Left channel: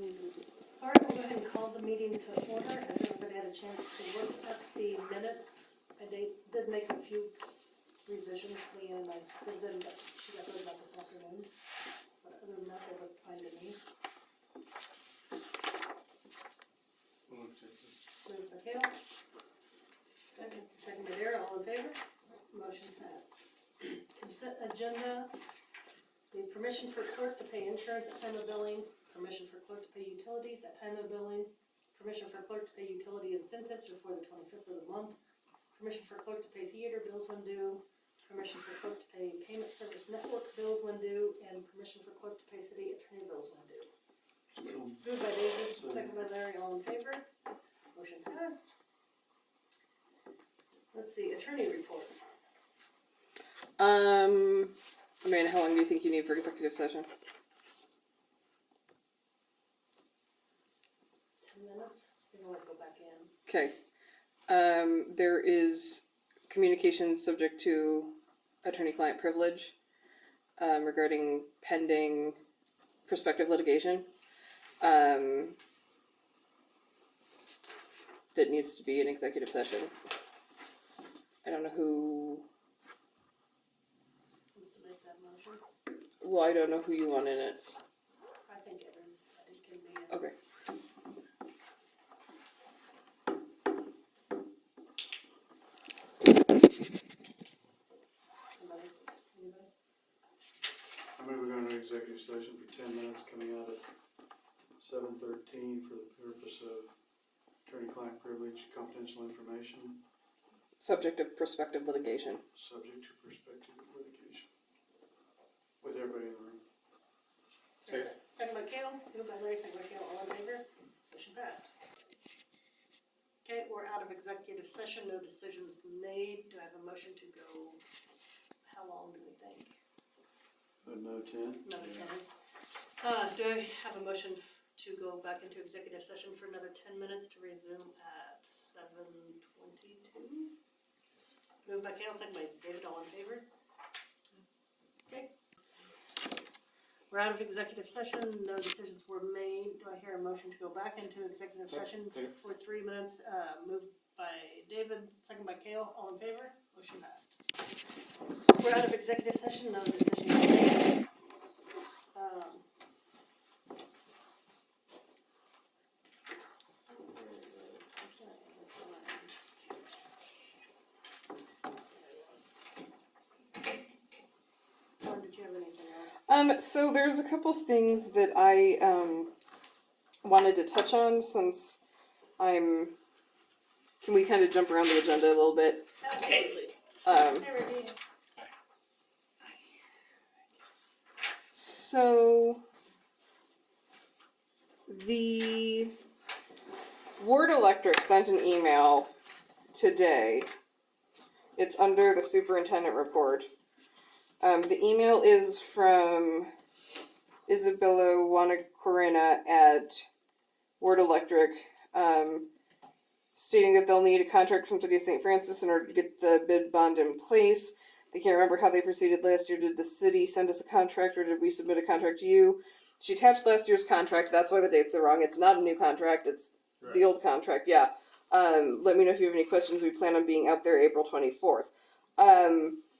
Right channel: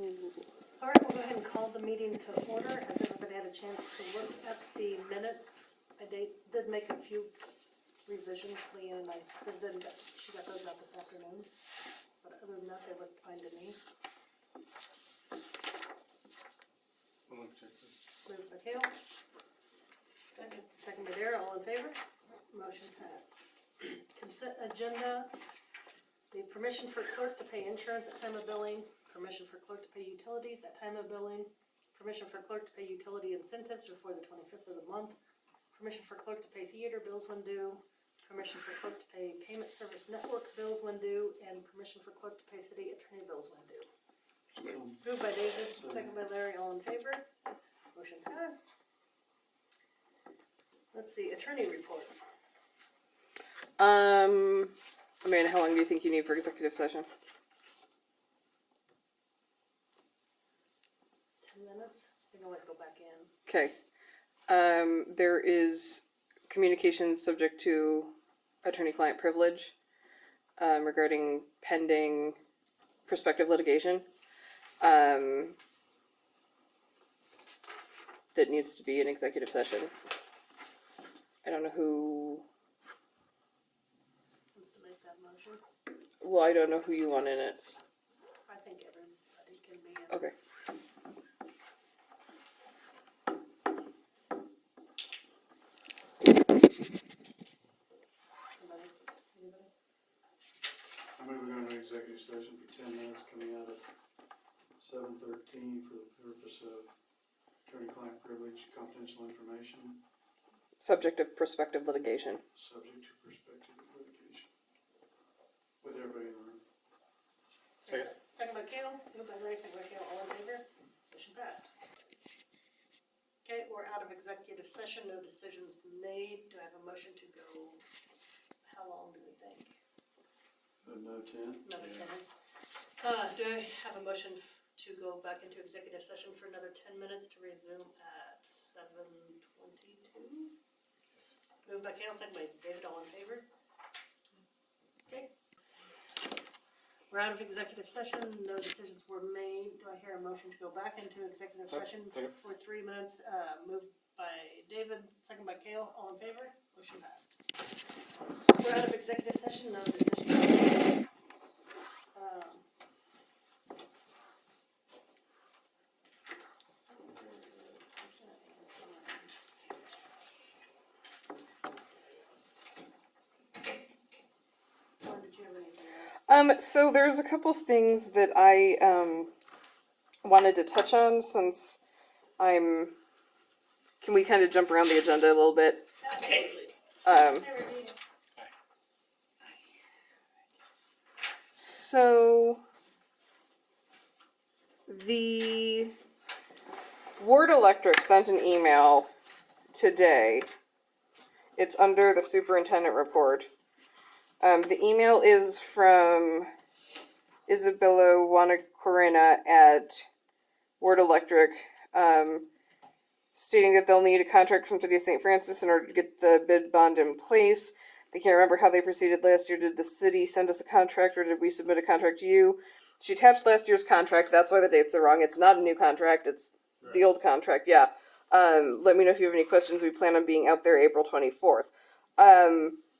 All right, we'll go ahead and call the meeting to order. Has everybody had a chance to look at the minutes? I did make a few revisions. Leanne, I visited, she got those out this afternoon. But other than that, they look fine to me. Moved by Kale. Second by Dara, all in favor? Motion passed. Consent agenda. The permission for clerk to pay insurance at time of billing. Permission for clerk to pay utilities at time of billing. Permission for clerk to pay utility incentives before the 25th of the month. Permission for clerk to pay theater bills when due. Permission for clerk to pay payment service network bills when due. And permission for clerk to pay city attorney bills when due. Moved by David, second by Larry, all in favor. Motion passed. Let's see, attorney report. Amanda, how long do you think you need for executive session? 10 minutes. We can always go back in. Okay. There is communication subject to attorney-client privilege regarding pending prospective litigation that needs to be in executive session. I don't know who. Wants to make that motion? Well, I don't know who you want in it. I think everybody can be in. Okay. Anybody? I move we go into executive session for 10 minutes coming out at 7:13 for the purpose of attorney-client privilege, confidential information, Subject of prospective litigation. subject to prospective litigation. With everybody in the room. Second by Kale, moved by Larry, second by Kale, all in favor? Motion passed. Okay, we're out of executive session, no decisions made. Do I have a motion to go, how long do we think? No 10? Another 10. Do I have a motion to go back into executive session for another 10 minutes to resume at 7:22? Moved by Kale, second by David, all in favor? Okay. We're out of executive session, no decisions were made. Do I hear a motion to go back into executive session for 3 minutes? Moved by David, second by Kale, all in favor? Motion passed. We're out of executive session, no decisions were made. Did you have anything else? So there's a couple things that I wanted to touch on since can we kind of jump around the agenda a little bit? Absolutely. Hey, Reggie. So the Ward Electric sent an email today. It's under the superintendent report. The email is from Isabella Wanacorina at Ward Electric, stating that they'll need a contract from City of St. Francis in order to get the bid bond in place. They can't remember how they proceeded last year. Did the city send us a contract or did we submit a contract to you? She attached last year's contract. That's why the dates are wrong. It's not a new contract. It's right. The old contract. Yeah. Let me know if you have any questions. We plan on being out there April 24th.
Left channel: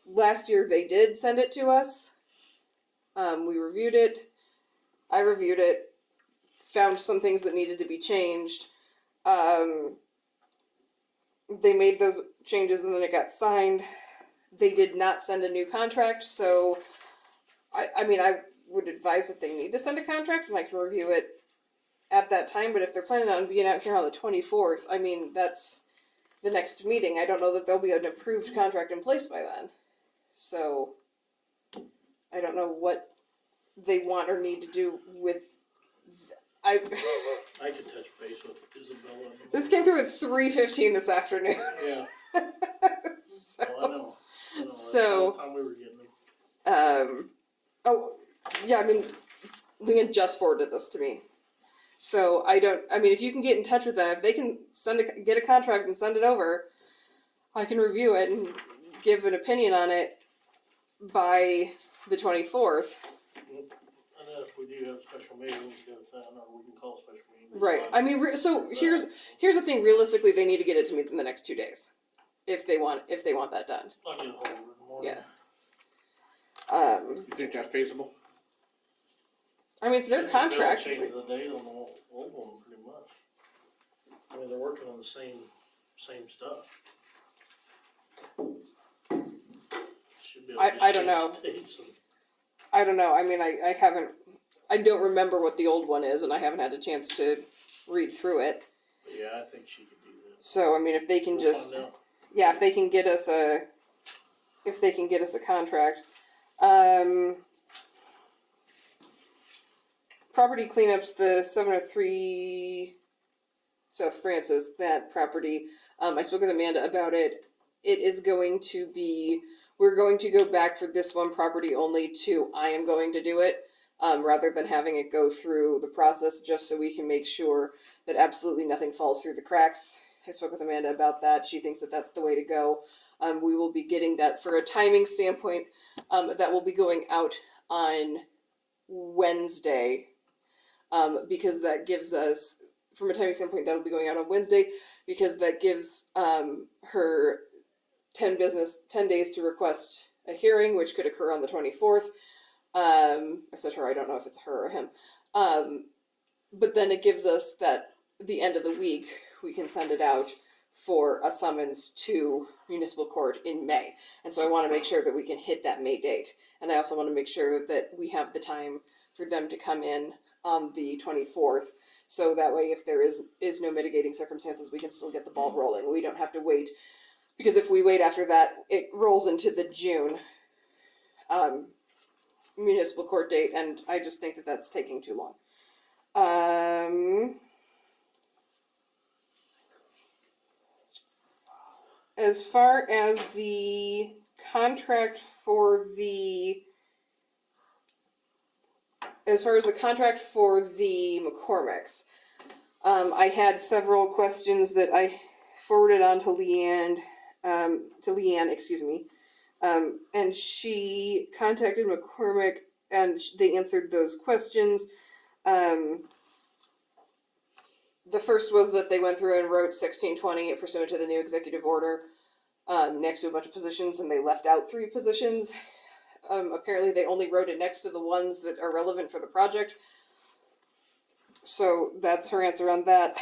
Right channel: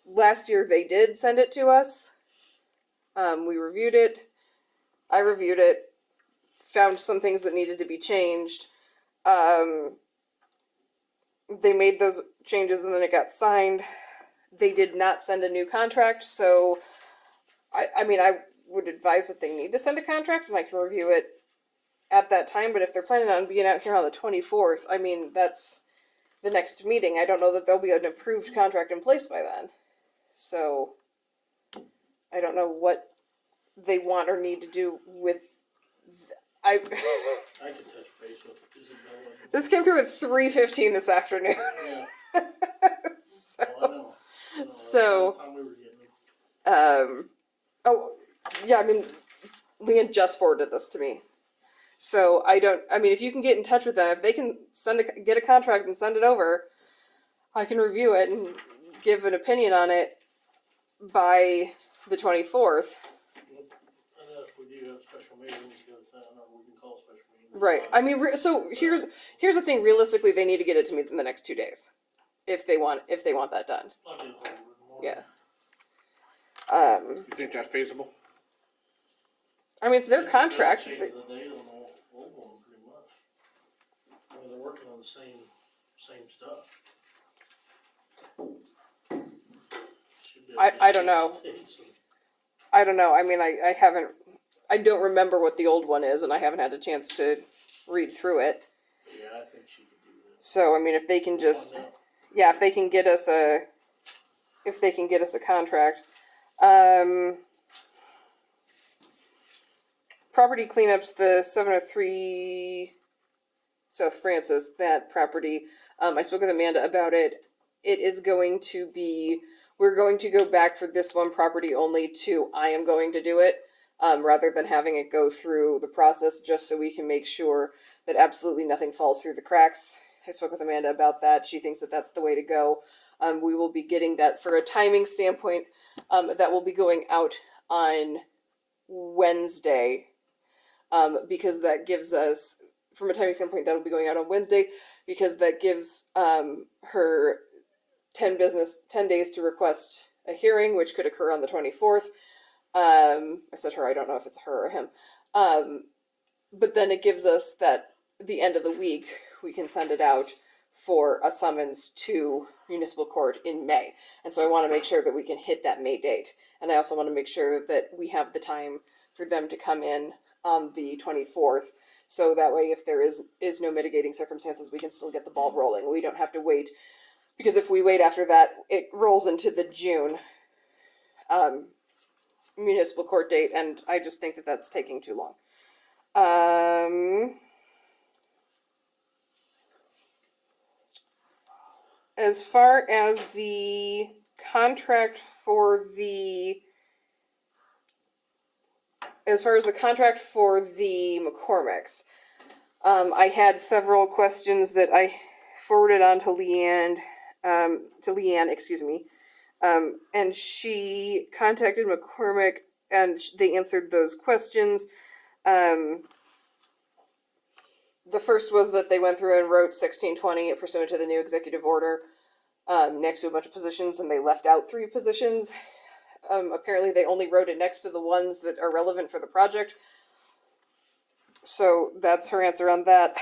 Last year they did send it to us. We reviewed it. I reviewed it. Found some things that needed to be changed. They made those changes and then it got signed. They did not send a new contract, so I mean, I would advise that they need to send a contract and I can review it at that time, but if they're planning on being out here on the 24th, I mean, that's the next meeting. I don't know that there'll be an approved contract in place by then. So, I don't know what they want or need to do with... I can touch base with Isabella. This came through at 3:15 this afternoon. Yeah. So, I know. So, Time we were getting them. oh, yeah, I mean, Leanne just forwarded this to me. So I mean, if you can get in touch with them, if they can get a contract and send it over, I can review it and give an opinion on it by the 24th. I know if we do you have special meetings, you gotta then, or we can call a special meeting. Right. I mean, so here's the thing. Realistically, they need to get it to me in the next 2 days, if they want that done. I'll get ahold of it in the morning. Yeah. You think that's feasible? I mean, it's their They'll contract. change the date on the old one pretty much. I mean, they're working on the same stuff. Should be able to I don't just know. change dates and- I don't know. I mean, I don't remember what the old one is, and I haven't had a chance to read through it. Yeah, I think she could do that. So, I mean, if they can We'll just, find out. yeah, if they can get us a contract. Property cleanups, the 703 South Francis, that property. I spoke with Amanda about it. It is going to be, we're going to go back for this one property only to, I am going to do it, rather than having it go through the process, just so we can make sure that absolutely nothing falls through the cracks. I spoke with Amanda about that. She thinks that that's the way to go. We will be getting that for a timing standpoint. That will be going out on Wednesday, because that gives us, from a timing standpoint, that will be going out on Wednesday, because that gives her 10 days to request a hearing, which could occur on the 24th. I said her, I don't know if it's her or him. But then it gives us that the end of the week, we can send it out for a summons to municipal court in May. And so I want to make sure that we can hit that May date. And I also want to make sure that we have the time for them to come in on the 24th. So that way, if there is no mitigating circumstances, we can still get the ball rolling. We don't have to wait. Because if we wait after that, it rolls into the June municipal court date. And I just think that that's taking too long. As far as the contract for the McCormick's, I had several questions that I forwarded on to Leanne, and she contacted McCormick, and they answered those questions. The first was that they went through and wrote 1620 pursuant to the new executive order next to a bunch of positions, and they left out 3 positions. Apparently, they only wrote it next to the ones that are relevant for the project. So that's her answer on that.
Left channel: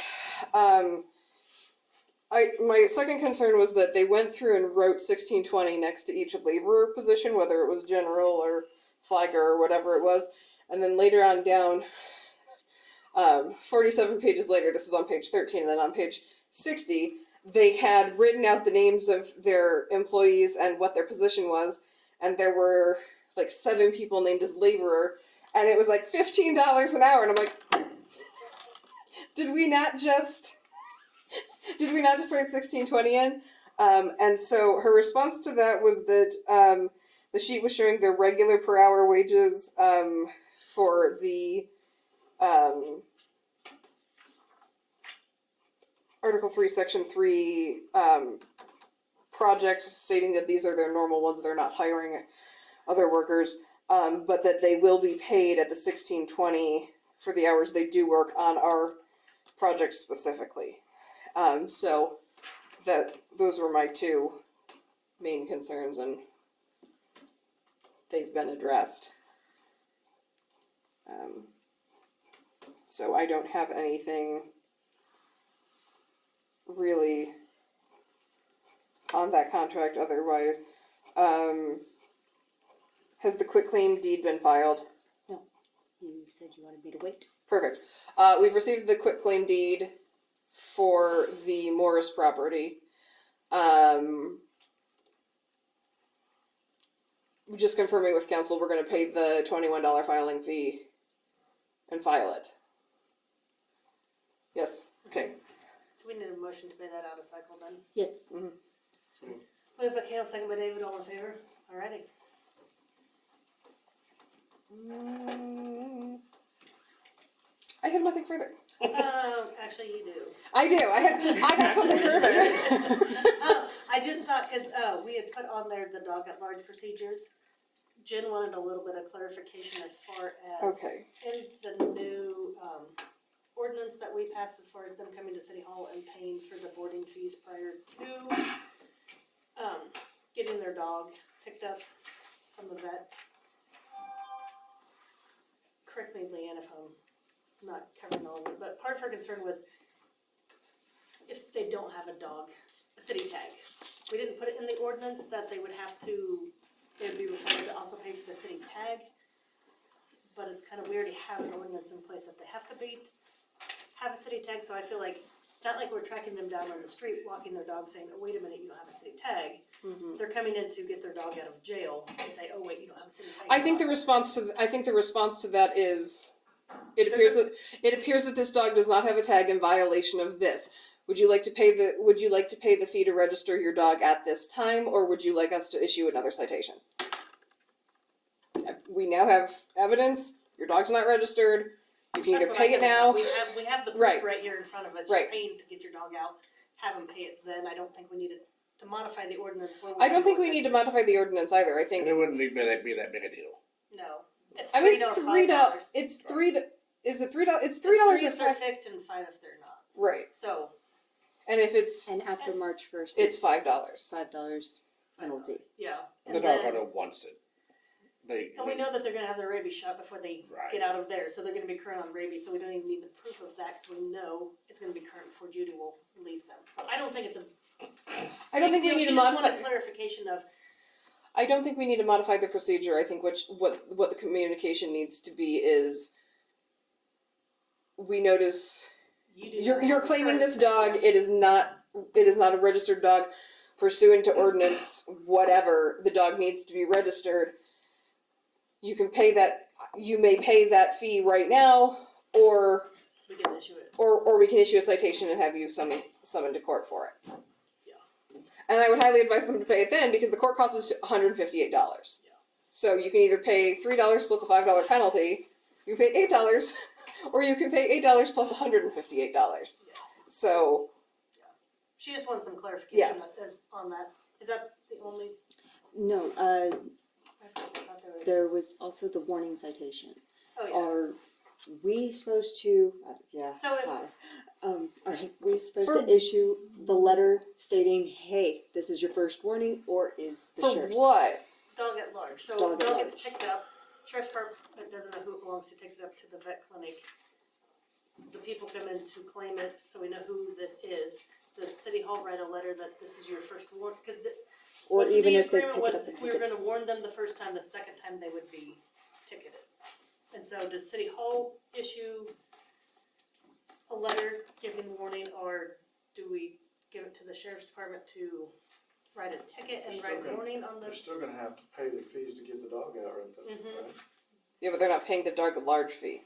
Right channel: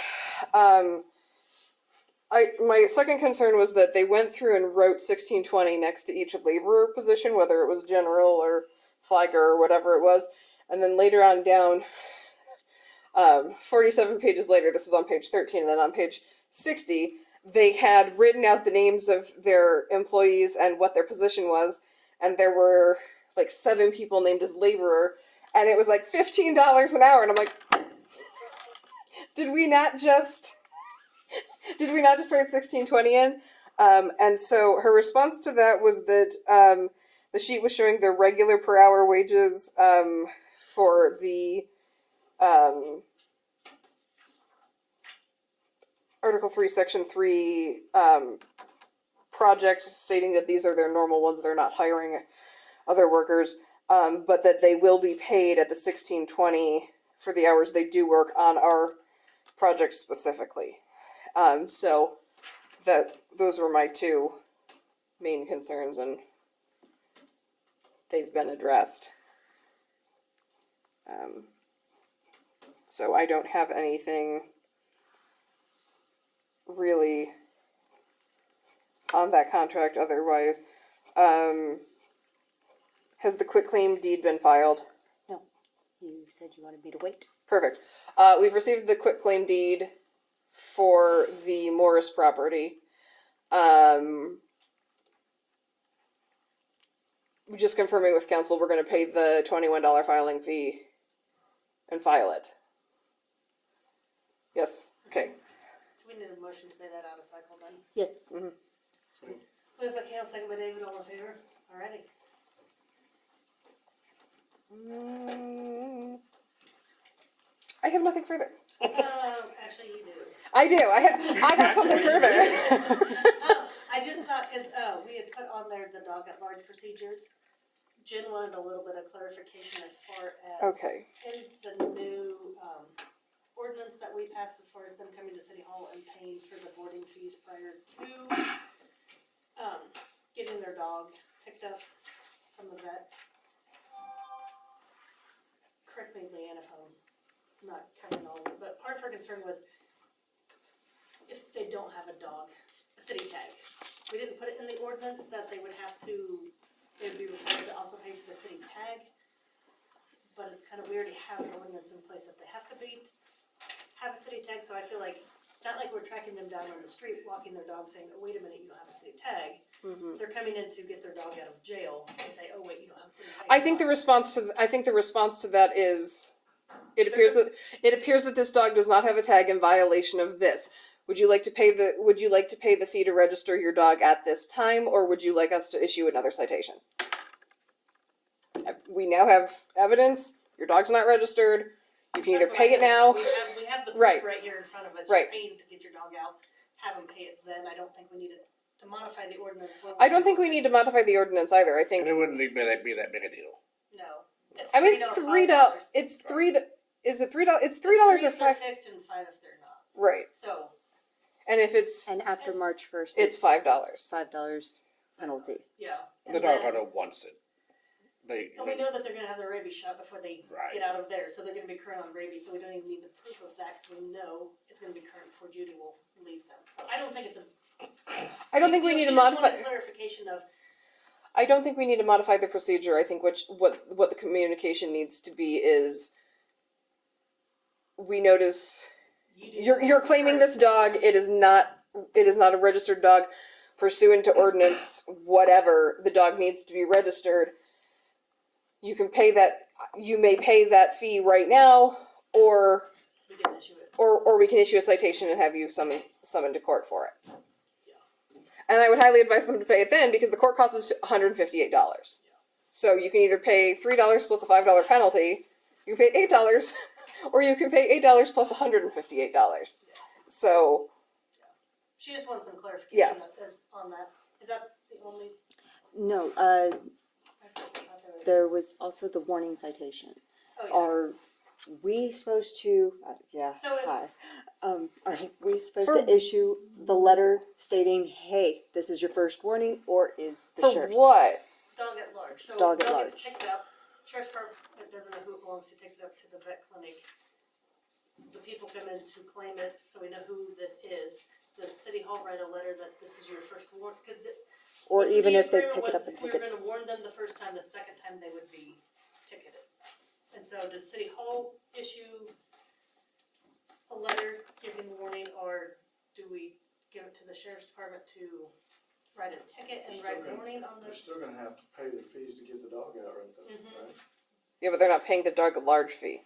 My second concern was that they went through and wrote 1620 next to each laborer position, whether it was general or flagger or whatever it was, and then later on down, 47 pages later, this is on page 13, and then on page 60, they had written out the names of their employees and what their position was, and there were like 7 people named as laborer, and it was like $15 an hour, and I'm like, did we not just write 1620 in? And so her response to that was that the sheet was showing their regular per hour wages for the Article 3, Section 3 project, stating that these are their normal ones, they're not hiring other workers, but that they will be paid at the 1620 for the hours they do work on our project specifically. So those were my 2 main concerns, and they've been addressed. So I don't have anything really on that contract otherwise. Has the quitclaim deed been filed? No, you said you wanted me to wait. Perfect. We've received the quitclaim deed for the Morris property. Just confirming with council, we're going to pay the $21 filing fee and file it. Yes. Okay. Do we need a motion to pay that out of cycle then? Yes. So, Moved by Kale, second by David, all in favor? Alrighty. I have nothing further. Actually you do. I do. I have something further. I just thought, cause, we had put on there the dog at large procedures. Jen wanted a little bit of clarification as far as Okay. in the new, ordinance that we passed as far as them coming to City Hall and paying for the boarding fees prior to, getting their dog picked up from the vet. Correct me, Leanne, if I'm not covering all of it, but part of her concern was if they don't have a dog, a city tag. We didn't put it in the ordinance that they would have to, they would be required to also pay for the city tag. But it's kind of, we already have an ordinance in place that they have to have a city tag, so I feel like it's not like we're tracking them down on the street, walking their dog saying, oh, wait a minute, you don't have a city tag. They're coming in to get their dog out of jail and say, oh, wait, you don't have a city tag. I think the response to that is it appears that this dog does not have a tag in violation of this. Would you like to pay the fee to register your dog at this time, or would you like us to issue another citation? We now have evidence. Your dog's not registered. You can either That's what pay I it now. We have the proof Right. right here in front of us. Right. You're paying to get your dog out. Have them pay it then. I don't think we need to modify the ordinance. I don't think we need to modify the ordinance either. I And think. it wouldn't be that big a deal. No. It's I mean, it's $3, $3. $5. It's $3. Is it $3? It's $3 It's $3 or if they're $5. fixed and $5 if they're not. Right. So And if it's And after March 1st, $5. $5 penalty. yeah. The And dog then- hunter wants it. And we know that they're gonna have their rabies shot before they Right. get out of there, so they're gonna be current on rabies, so we don't even need the proof of that, because we know it's gonna be current before Judy will release them. So I don't think it's a. I don't think we big need deal. to She just modify. wanted clarification of, I don't think we need to modify the procedure. I think what the communication needs to be is we notice you do. you're claiming this dog. It is not a registered dog pursuant to ordinance whatever. The dog needs to be registered. You can pay that. You may pay that fee right now, or We can issue it. we can issue a citation and have you summoned to court for it. Yeah. And I would highly advise them to pay it then, because the court cost is $158. Yeah. So you can either pay $3 plus a $5 penalty, you can pay $8, or you can pay $8 plus $158. So She just wants some clarification Yeah. on that. Is that the only? No, I thought there was. there was also the warning citation. Oh yes. Are we supposed to, yeah, So if- hi. Are we supposed For- to issue the letter stating, hey, this is your first warning, or is the for sheriff's? what? Dog at large. So Dog at dog gets large. picked up. Sheriff's Department doesn't know who it belongs to. Takes it up to the vet clinic. The people come in to claim it, so we know whose it is. Does City Hall write a letter that this is your first warning? Because Or even if they pick it up and we take were it. going to warn them the first time. The second time they would be ticketed. And so, does City Hall issue a letter giving warning, or do we give it to the Sheriff's Department to write a ticket and write warning on the? They're still gonna have to pay the fees to get the dog out, right? Right? Yeah, but they're not paying the dog at large fee.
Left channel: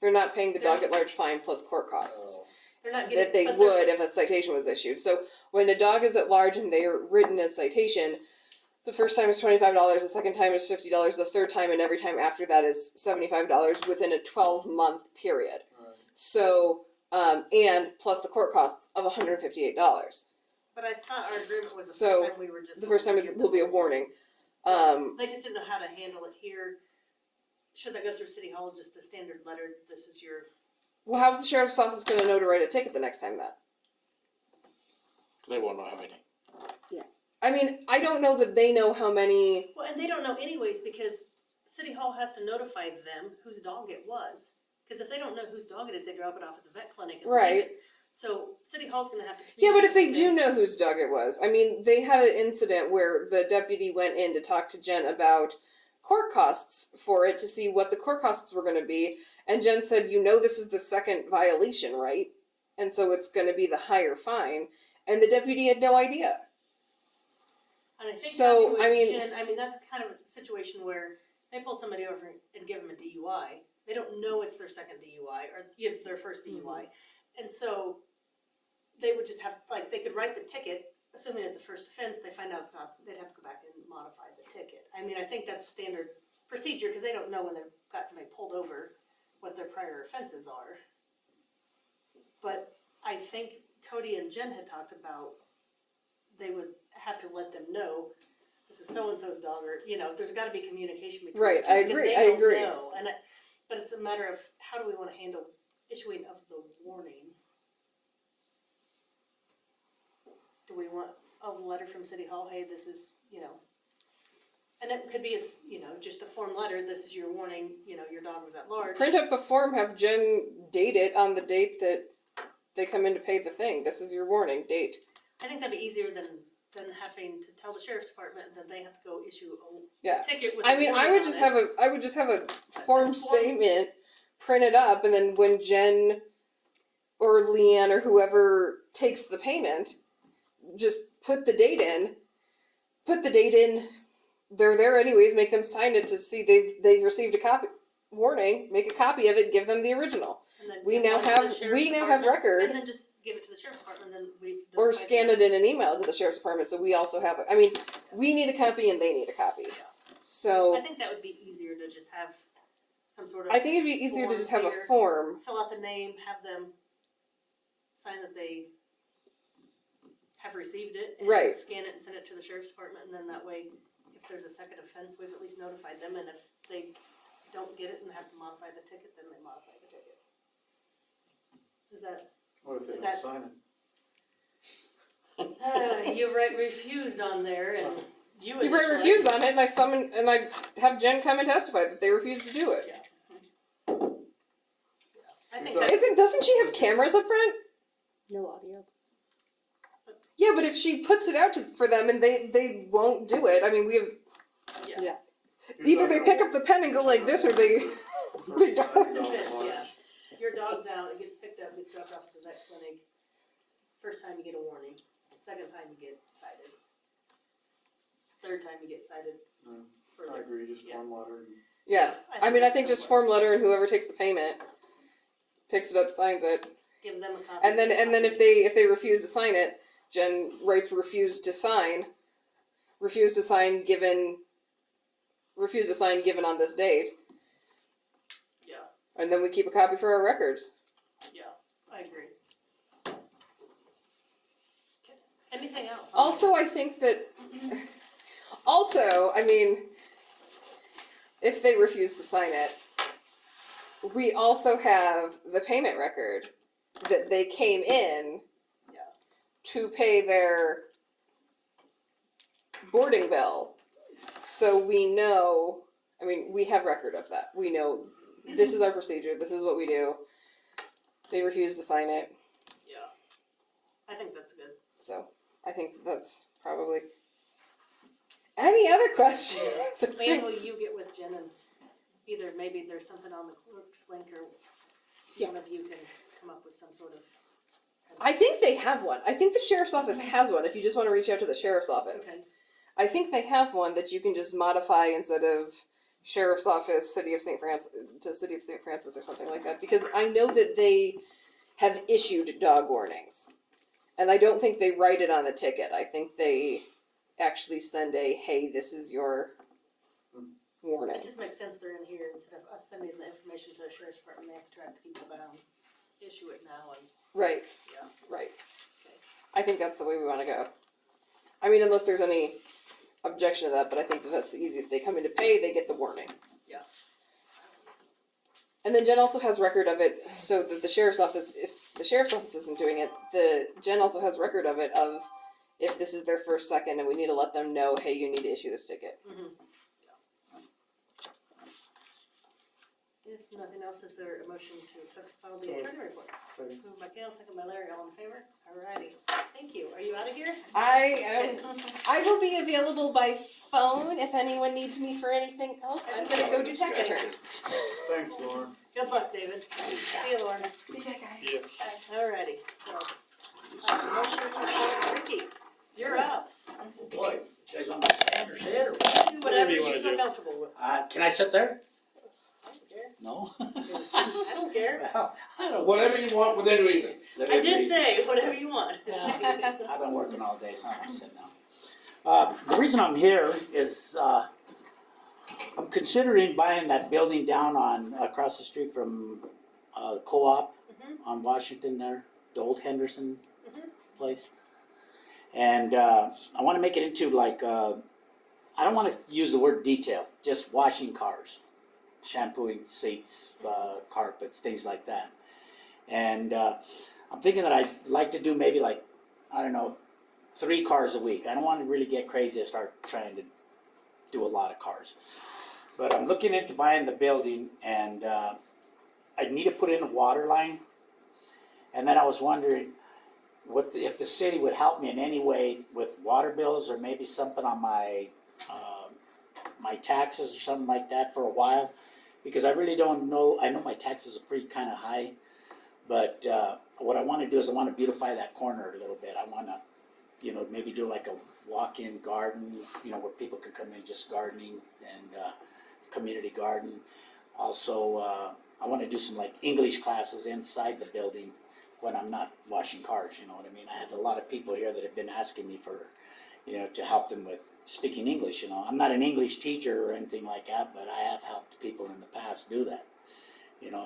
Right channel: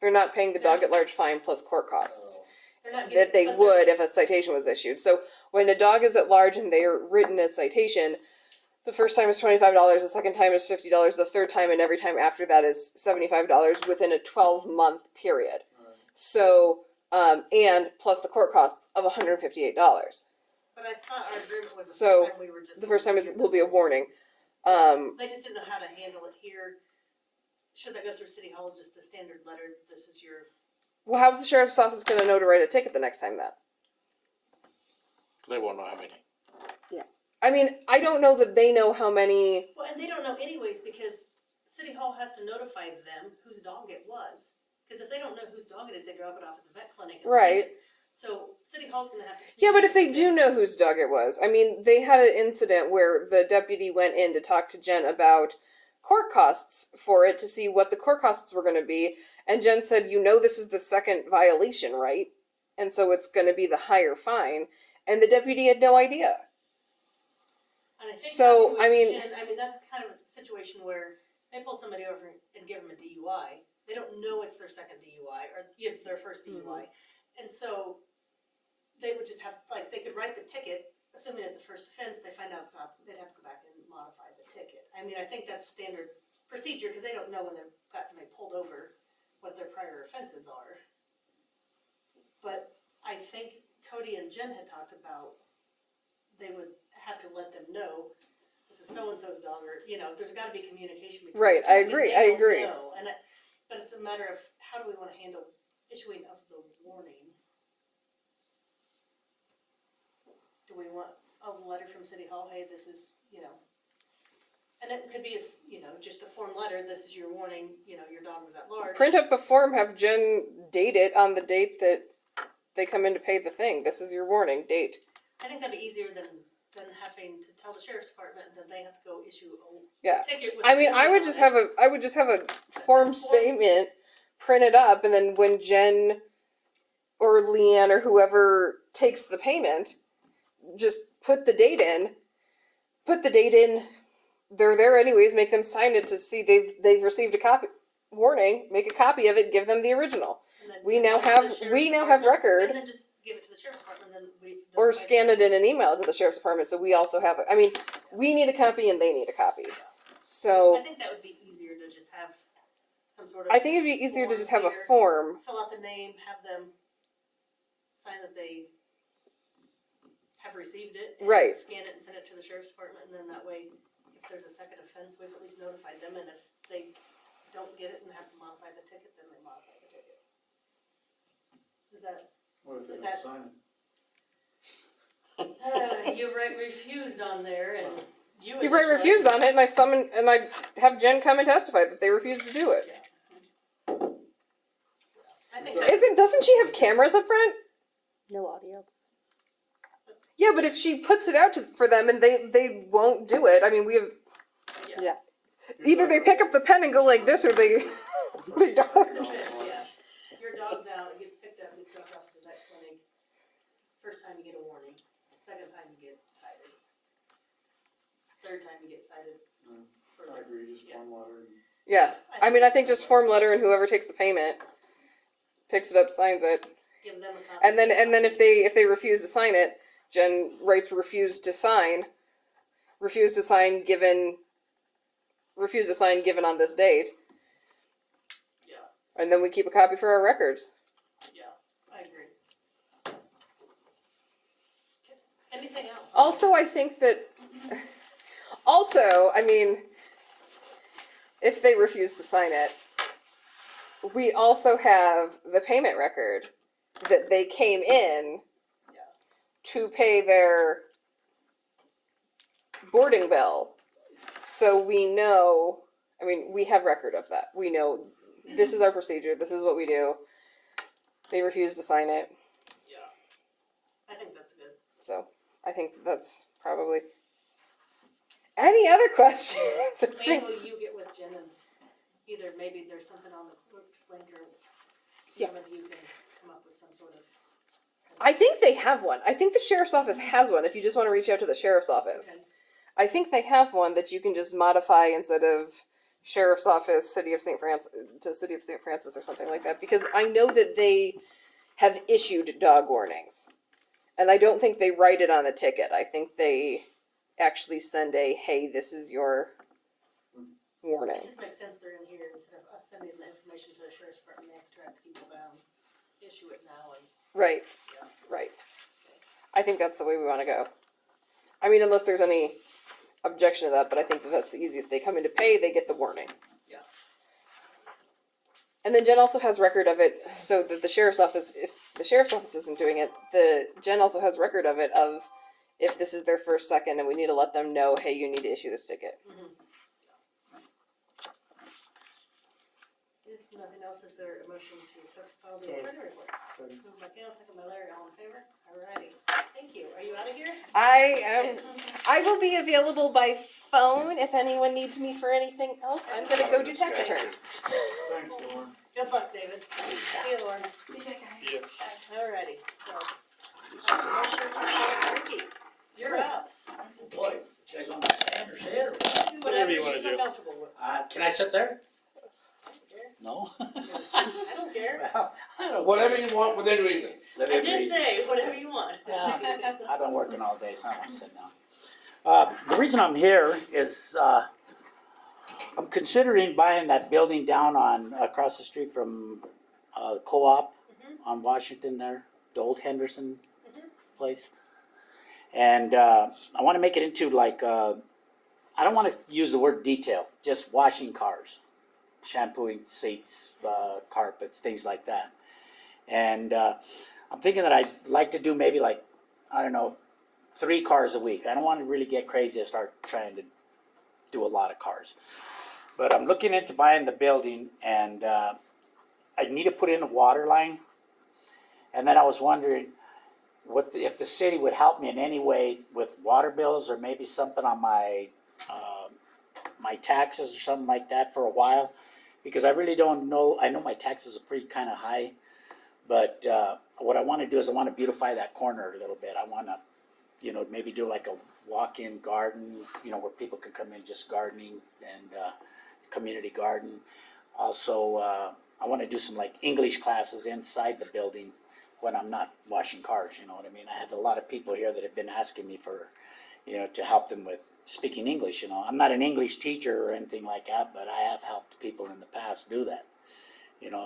They're not paying the dog at large fine plus court costs. They're not getting, That they but would if a citation was issued. So when a dog is at large and they are written a citation, the first time is $25, the second time is $50, the third time and every time after that is $75 within a 12-month period. Right. So, and plus the court costs of $158. But I thought our agreement was the So, first time we were just. The first time going to will be a warning. They just didn't know how to handle it here. Should that go through City Hall, just a standard letter, this is your, Well, how's the sheriff's office going to know to write a ticket the next time then? They won't know how many. I mean, I don't know that they know how many. well, and they don't know anyways, because City Hall has to notify them whose dog it was. Because if they don't know whose dog it is, they drop it off at the vet clinic. And Right. leave it. So City Hall's gonna have to. Yeah, but if they communicate do with know whose dog it was, I mean, they had an incident where the deputy went in to talk to Jen about court costs for it to see what the court costs were going to be, and Jen said, "You know, this is the second violation, right? And so it's going to be the higher fine." And the deputy had no idea. And I think So, talking with I mean- Jen, that's kind of a situation where they pull somebody over and give them a DUI. They don't know it's their second DUI or their first DUI. And so they would just have, like, they could write the ticket, assuming it's a first offense, they find out it's not, they'd have to go back and modify the ticket. I mean, I think that's standard procedure, because they don't know when they've got somebody pulled over, what their prior offenses are. But I think Cody and Jen had talked about, they would have to let them know, this is so-and-so's dog, or, you know, there's gotta be communication between. Right, the two, I because agree, they I don't agree. know, but it's a matter of, how do we wanna handle issuing of the warning? Do we want a letter from City Hall, hey, this is, you know, and it could be, you know, just a form letter, this is your warning, you know, your dog was at large. Print up a form, have Jen date it on the date that they come in to pay the thing. This is your warning date. I think that'd be easier than having to tell the sheriff's department that they have to go issue Yeah. a ticket with. I a mean, warning I would on just it. have a form statement printed up, and then when Jen or Leanne or whoever takes the payment, just put the date in. Put the date in. They're there anyways. Make them sign it to see they've received a copy. Warning. Make a copy of it. Give them the original. And then We give now one to have the sheriff's we now have department, record. And then just give it to the sheriff's department, and then we've. Or notified scan them. it in an email to the sheriff's department, so we also have it. I mean, we need a copy and they need a copy. So I think that would be easier to just have some sort of. I think it'd be easier to just have a here. form. Fill out the name, have them sign that they have received it. And Right. Scan it and send it to the sheriff's department, and then that way, if there's a second offense, we've at least notified them, and if they don't get it and have to modify the ticket, then they modify the ticket. Is that, What if they Is don't that- sign it? you refused on there, and you. You've right initially- refused on it, and I have Jen come and testify that they refused to do it. I think that's. Doesn't she have cameras up front? No audio. Yeah, but if she puts it out for them and they won't do it, I mean, we have Yeah. either they pick up the pen and go like this, or they they don't. Yeah. Your dog's out, it gets picked up, gets dropped off to the vet clinic. First time you get a warning, second time you get cited. Third time you get cited. No, for I the- agree, just Yeah. form letter and. Yeah, I mean, I think that's just form letter, and whoever takes the payment picks it up, signs it, Give them a copy. and then if they refuse to sign it, Jen writes refuse to sign given on this date, Yeah, and then we keep a copy for our records. yeah, I agree. Okay. Anything else? Also, I think that. Also, I mean, if they refuse to sign it, we also have the payment record that they came in Yeah. to pay their boarding bill. So we know, I mean, we have record of that. We know this is our procedure, this is what we do. They refused to sign it, Yeah. I think that's good. so I think that's probably. Any other questions? When will you get with Jen and either maybe there's something on the clerk's link or Yeah. one of you can come up with some sort of. I think they have one. I think the sheriff's office has one if you just want to reach out to the sheriff's office. Okay. I think they have one that you can just modify instead of sheriff's office, City of St. Francis, to City of St. Francis or something like that, because I know that they have issued dog warnings. And I don't think they write it on a ticket. I think they actually send a, hey, this is your warning. It just makes sense they're in here instead of us sending the information to the sheriff's department, they have to track people down, issue it now and. Right. Yeah. Right. I think that's the way we want to go. I mean, unless there's any objection to that, but I think that that's the easiest. They come in to pay, they get the warning. Yeah. And then Jen also has record of it, so that the sheriff's office, if the sheriff's office isn't doing it, Jen also has record of it of if this is their first second, and we need to let them know, hey, you need to issue this ticket. If nothing else, is there a motion to accept the file the So- attorney report? Second. Moved by Gail, second by Larry, all in favor? Alrighty, thank you. Are you out of here? I will be available by phone if anyone needs me for anything else. I'm gonna go do tax returns. Thanks, Lauren. Good luck, David. See you, Lauren. Alrighty, so. Motion to approve. Ricky, you're up. Boy, you guys want me to stand or sit or what? Do whatever you you wanna feel do. comfortable with. Can I sit there? I No? don't care. Well, I don't. Whatever you want within reason. I did say whatever you want. I've been working all day, so I'm gonna sit down. The reason I'm here is, I'm considering buying that building down across the street from, the co-op on Washington there, the old Henderson place. And, I wanna make it into like, I don't want to use the word detail, just washing cars, shampooing seats, carpets, things like that. And I'm thinking that I'd like to do maybe like, I don't know, 3 cars a week. I don't want to really get crazy and start trying to do a lot of cars. But I'm looking into buying the building, and I need to put in a water line. And then I was wondering if the city would help me in any way with water bills, or maybe something on my my taxes or something like that for a while, because I really don't know. I know my taxes are pretty kind of high, but what I want to do is I want to beautify that corner a little bit. I want to, maybe do like a walk-in garden, where people can come in just gardening, and community garden. Also, I want to do some like English classes inside the building when I'm not washing cars. You know what I mean? I have a lot of people here that have been asking me for, to help them with speaking English. I'm not an English teacher or anything like that, but I have helped people in the past do that.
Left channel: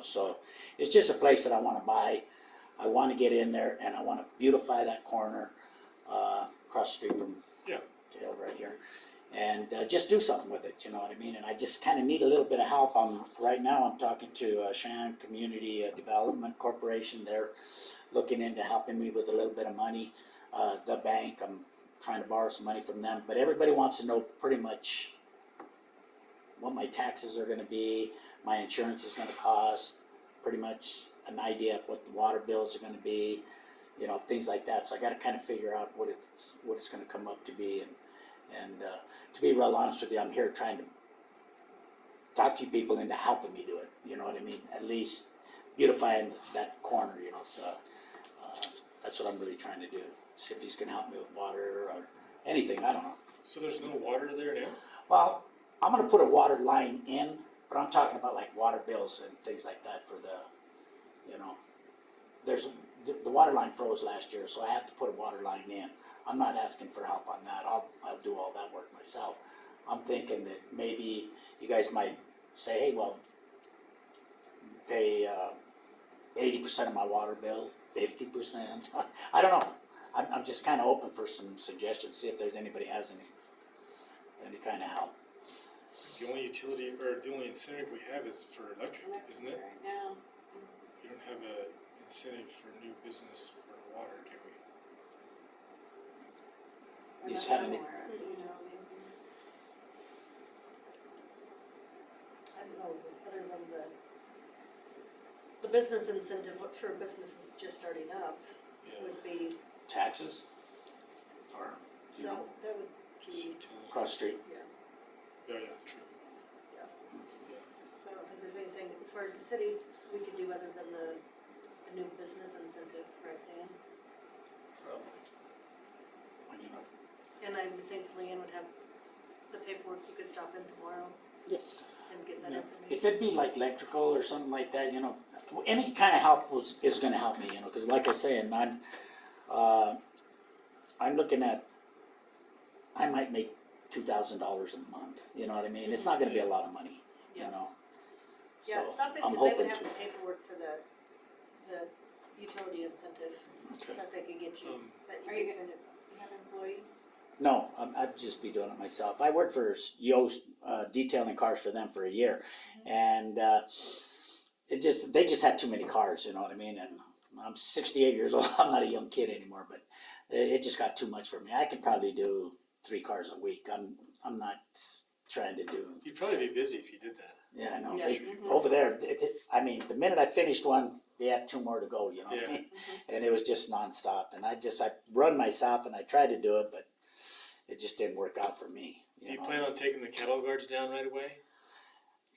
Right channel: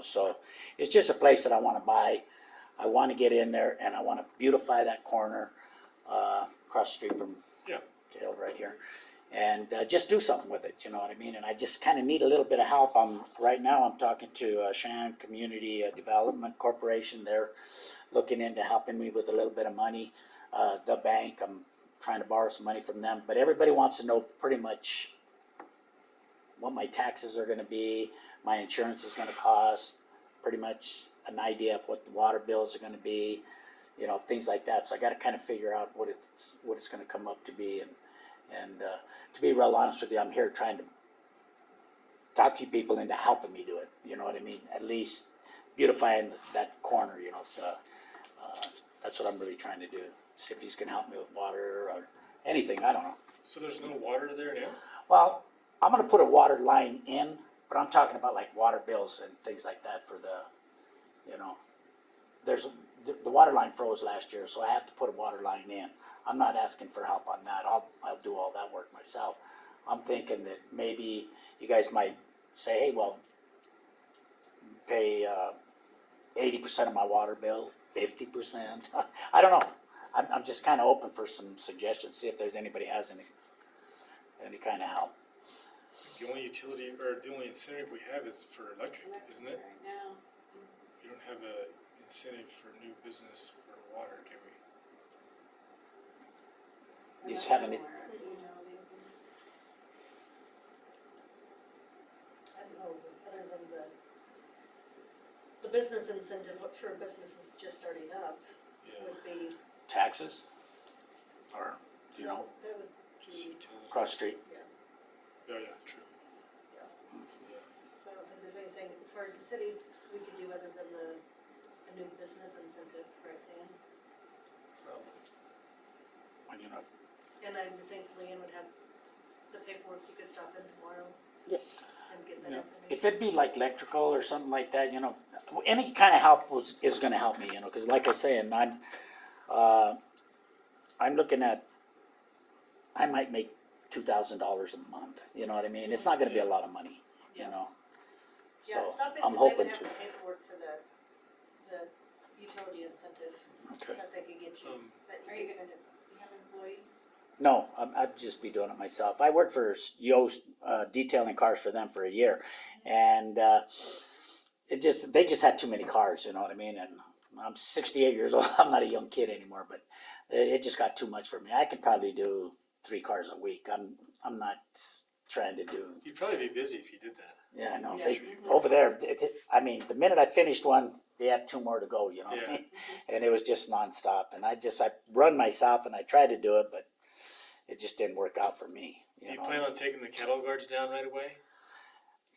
So it's just a place that I want to buy. I want to get in there, and I want to beautify that corner across the street from Kale right here, and just do something with it. You know what I mean? And I just kind of need a little bit of help. Right now I'm talking to Shannon Community Development Corporation. They're looking into helping me with a little bit of money. The bank, I'm trying to borrow some money from them, but everybody wants to know pretty much what my taxes are going to be, my insurance is going to cost, pretty much an idea of what the water bills are going to be, things like that. So I got to kind of figure out what it's going to come up to be, and to be real honest with you, I'm here trying to talk to you people into helping me do it. You know what I mean? At least beautifying that corner. That's what I'm really trying to do. See if he's going to help me with water or anything. I don't know. So there's no water there now? Well, I'm going to put a water line in, but I'm talking about like water bills and things like that for the, the water line froze last year, so I have to put a water line in. I'm not asking for help on that. I'll do all that work myself. I'm thinking that maybe you guys might say, hey, well, pay 80% of my water bill, 50%. I don't know. I'm just kind of open for some suggestions, see if there's anybody has any kind of help. The only utility, or the only incentive we have is for electric, isn't it? Right now. You don't have a incentive for new business for water, do we? You just haven't. I don't know, other than the business incentive for businesses just starting up Yeah. would be. Taxes? Or, That would Just be, utility. cross street? yeah, Yeah, true. yeah. Yeah. So I don't think there's anything, as far as the city, we could do other than a new business incentive, right, Dan? And I would think Leanne would have the paperwork, you could stop in tomorrow Yes. and get that information. If it'd be like electrical or something like that, any kind of help is going to help me, because like I say, and I'm looking at, I might make $2,000 a month. You know what I mean? It's not going to be a lot of money, Yeah. So Yeah, stop in, I'm because they hoping would have to. the paperwork for the utility incentive Okay. that they could get you. Are you gonna have employees? No, I'd just be doing it myself. I worked for Yoast, detailing cars for them for a year, and they just had too many cars. You know what I mean? And I'm 68 years old. I'm not a young kid anymore, but it just got too much for me. I could probably do 3 cars a week. I'm not trying to do. You'd probably be busy if you did that. Yeah, I know. Yeah. Over there, I mean, the minute I finished one, they had 2 more to go. You know what I Yeah. mean? And it was just nonstop. And I run myself, and I tried to do it, but it just didn't work out for me. Do you plan on taking the cattle guards down right away?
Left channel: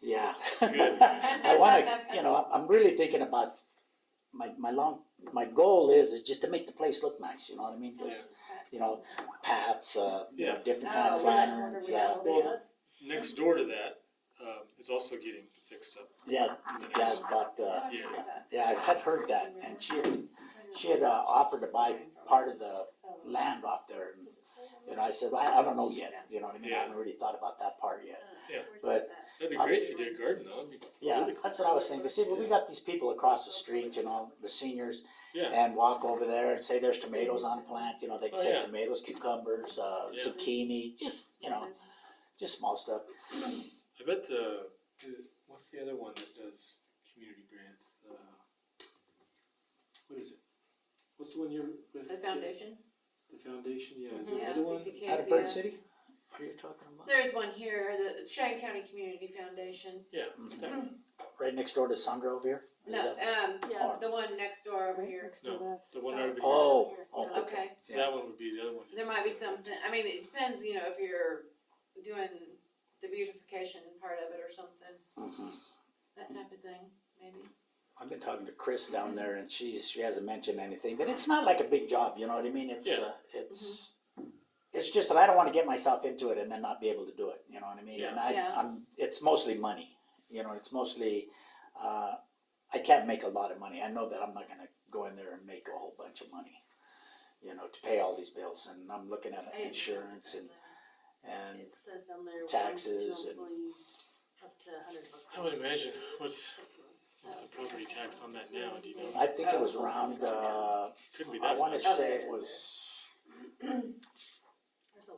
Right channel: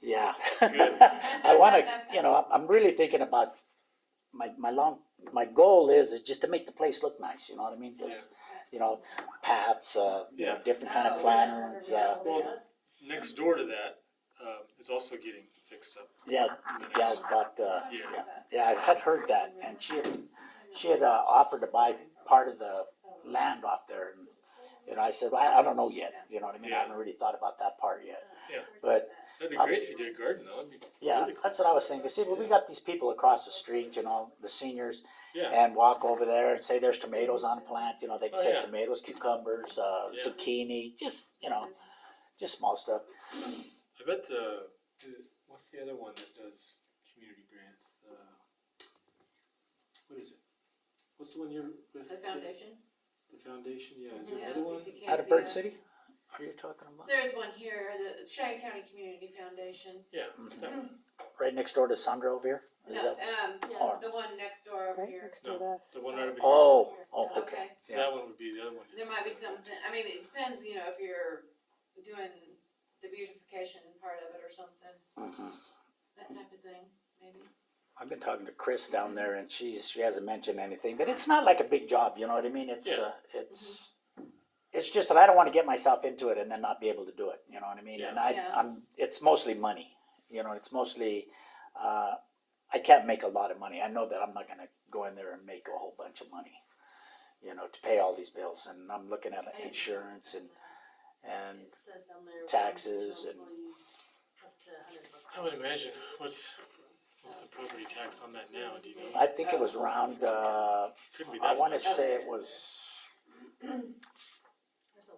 Yeah. Good. I want to, I'm really thinking about my goal is just to make the place look nice. You know what I mean? Just, paths, Yeah. different kind of Oh, planners. Well, next door to that, is also getting fixed up. Yeah, gal bought, Yeah. yeah, I had heard that, and she had offered to buy part of the land off there, and I said, well, I don't know yet. You know what I mean? I Yeah. haven't really thought about that part yet. Yeah. But That'd be great if you did a garden though. That'd be yeah, really cool. that's what I was thinking. See, well, we got these people across the street, the seniors, Yeah. and walk over there and say there's tomatoes on the plant. They can Oh, take yeah. tomatoes, cucumbers, Yeah. zucchini, just just small stuff. I bet what's the other one that does community grants? What is it? What's the one you're with? The foundation? The foundation, yeah. Is there Yeah, another one? CCK, Out of Burton yeah. City? Are you talking about? There's one here, the Cheyenne County Community Foundation. Yeah. That one. Right next door to Sandra over here? Is No, that- Yeah. the one next door over Right here. next to No, us. the one out of here. Oh, okay. Okay. So that one would be the other one. There might be something, I mean, it depends, you know, if you're doing the beautification part of it or something, Mhm. that type of thing, maybe. I've been talking to Chris down there, and she hasn't mentioned anything, but it's not like a big job, you know what I mean? It's Yeah. it's just that I don't want to get myself into it and then not be able to do it, you know what I mean? And Yeah. it's mostly money, you know. It's mostly I can't make a lot of money. I know that I'm not going to go in there and make a whole bunch of money, you know, to pay all these bills. And I'm looking at insurance and It says down there. taxes 1 to 2 and- employees, up to $100. I would imagine. What's the property tax on that now? Do you know? I think it was around. Couldn't be I that want to much. say it was.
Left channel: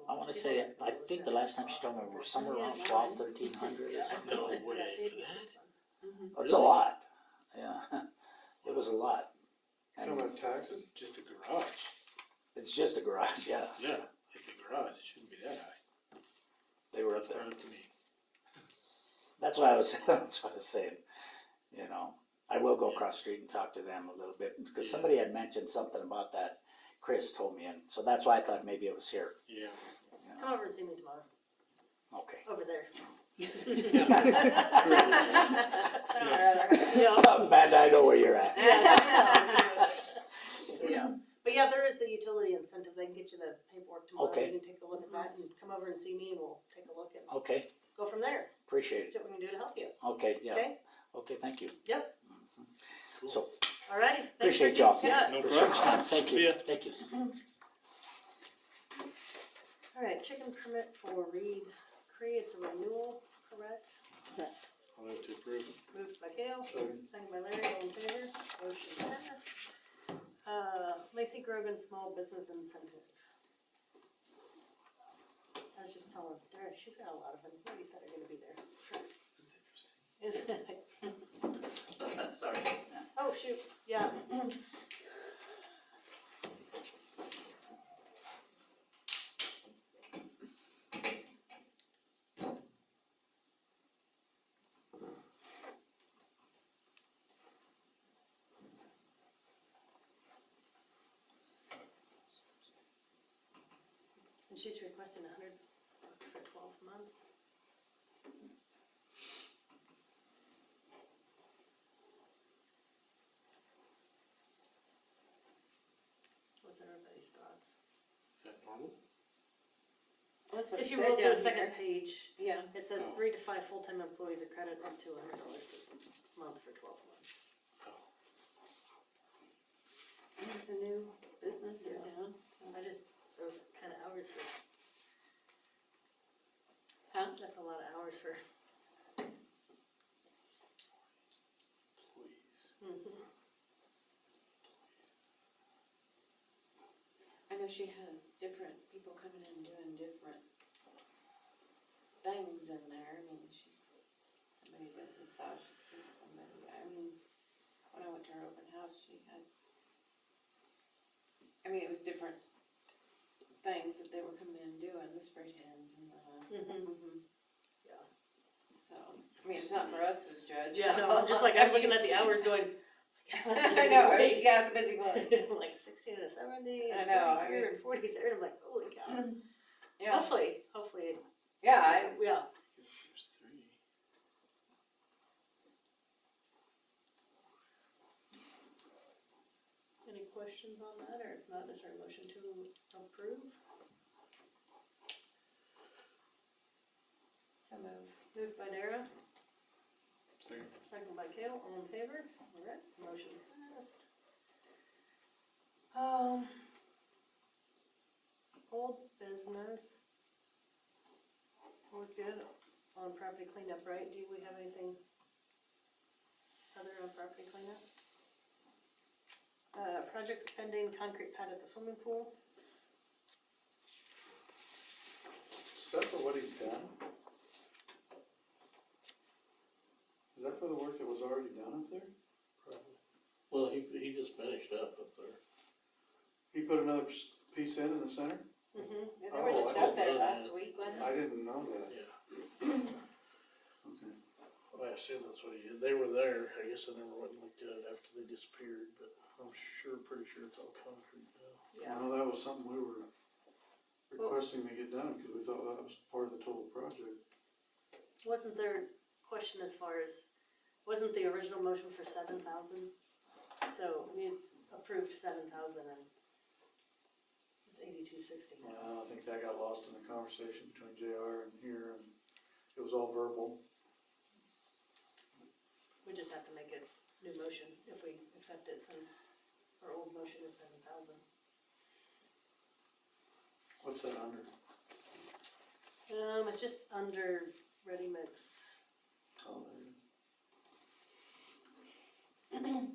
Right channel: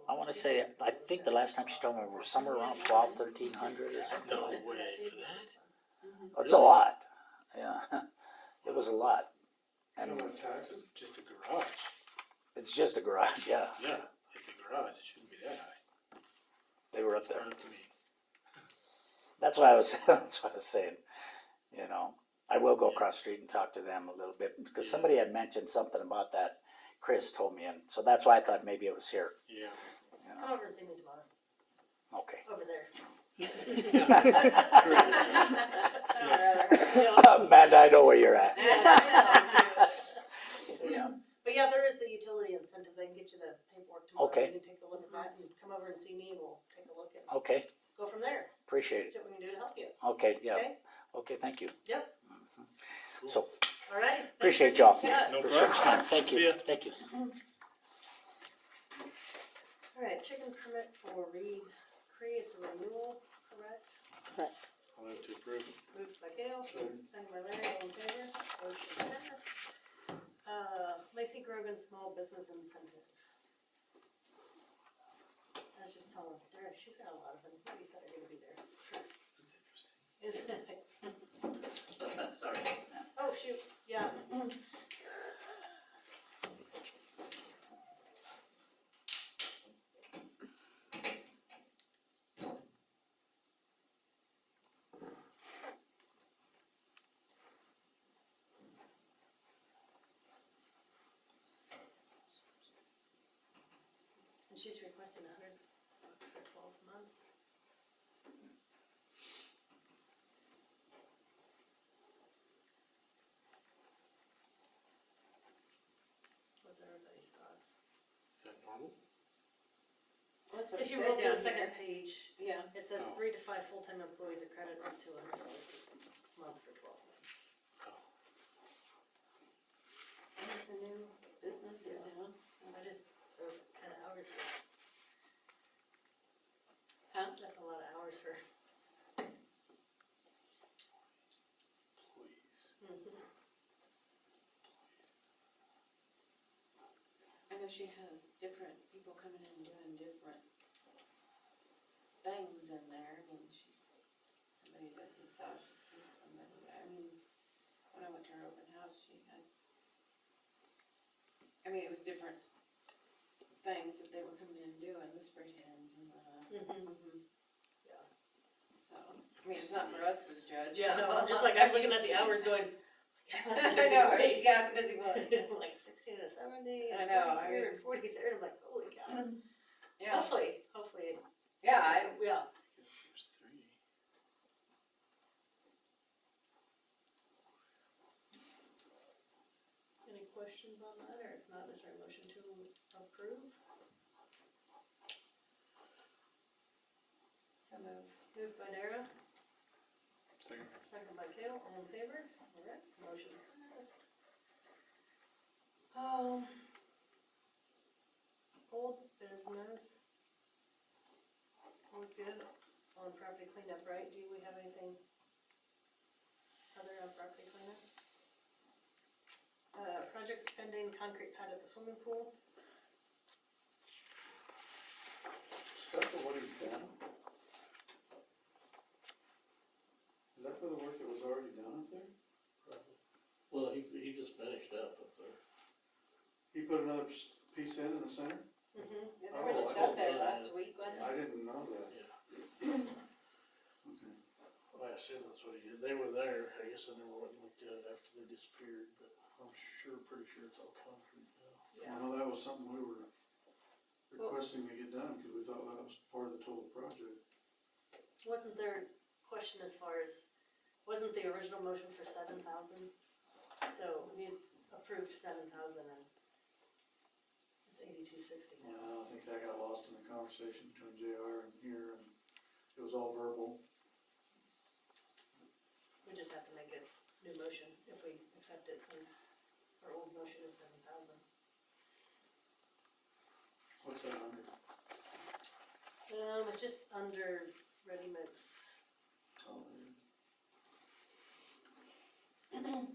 I want to say, I think the last time she told me it was somewhere around 1,300 or something. No way for that. It's a lot. Yeah, it was a lot. I don't And have taxes. Just a garage. it's just a garage, yeah. Yeah, it's a garage. It shouldn't be that high. They were up That's there. not up to me. That's why I was, that's what I was saying. You know, I will go across the street and talk to them a little bit because somebody had mentioned something about that. Chris told me, and so that's why I thought maybe it was here. Yeah. Come over and see me tomorrow, Okay. over there. Amanda, I know where you're at. Yeah. But yeah, there is the utility incentive. I can get you the paperwork tomorrow. Okay. You can take a look at that and come over and see me and we'll take a look and Okay, go from there. appreciate See it. what we can do to help you. Okay, yeah. Okay? Okay, thank you. Yep. So, All right. appreciate y'all. Yeah. No Appreciate problem. your time. Thank See you. ya. Thank you. All right, chicken permit for Reed Cree. It's a renewal, correct? I'll have to approve. Moved by Gail, second by Larry, all in favor, motion passed. Lacey Grogan Small Business Incentive. I was just telling her, she's got a lot of employees that are gonna be there. That's interesting. Is it? Sorry. Oh, shoot, yeah. And she's requesting $100 for 12 months. What's everybody's thoughts? Is that normal? That's what If it you said roll to down the second here. page, Yeah. it says Oh. 3 to 5 full-time employees are credited up to $100 per month for 12 months. Oh. And it's a new business in town. I just, those kind of hours for, Huh? that's a lot of hours for. Please. I know she has different people coming in doing different things in there. I mean, somebody does this house, she's seen somebody. I mean, when I went to her open house, she had, I mean, it was different things that they were coming in doing, the spray tans and the. Yeah. So, I mean, it's not for us to judge. Yeah, no, I'm just like, I'm looking at the hours going. I know, yeah, it's a busy one. I'm like 16 to 70, I and know, 40 here and 40 there, and I'm like, holy cow. Yeah, Hopefully, yeah, yeah. Guess there's 3. Any questions on that, or if not, is there a motion to approve? so move. Moved by Dara, Second. second by Kale, all in favor? All right, motion passed. Old business. We're good on property cleanup, right? Do we have anything other on property cleanup? Projects pending, concrete pad at the swimming pool. That's what he's done. for the work that was already done up there? Probably. Well, he just finished up there. He put another piece in the center? Mm-hmm. They were just I up there didn't know last that. week, wasn't I it? didn't know that. Yeah. Okay. Well, I assume that's what he did. They were there. I guess I never went and looked at it after they disappeared, but I'm pretty sure it's all concrete now. Yeah. Well, that was something we were requesting to get done, cause we thought that was part of the total project. Wasn't there a question as far as, wasn't the original motion for 7,000? So we approved 7,000 and it's 8260 now. Yeah, I think that got lost in the conversation between JR and here, and it was all verbal. We just have to make a new motion if we accept it since our old motion is 7,000. What's that under? It's just under ready mix. Oh, there it is.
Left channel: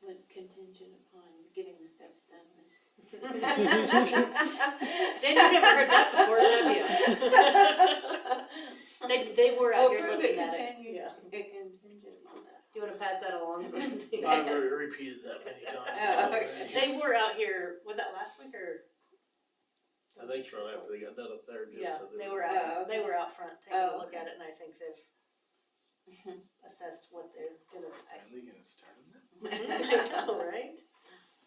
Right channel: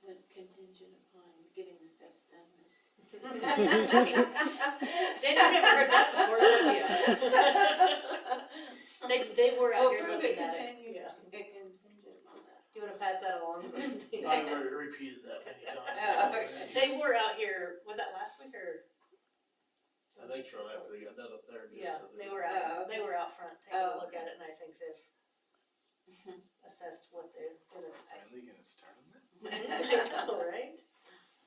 Went contingent upon getting the steps done. Dana, I've never heard that before, have you? They were out here Approve looking it at it. continue, Yeah. contingent upon that. Do you wanna pass that along? I've already repeated that many times. Oh, okay. They were out here, was that last week or? I think so, after they got that up there. Jim Yeah, said they Oh, were out, they okay. were out front taking a Oh, look at it and I think they've assessed what they're gonna. Finally gonna start on that? I know, right?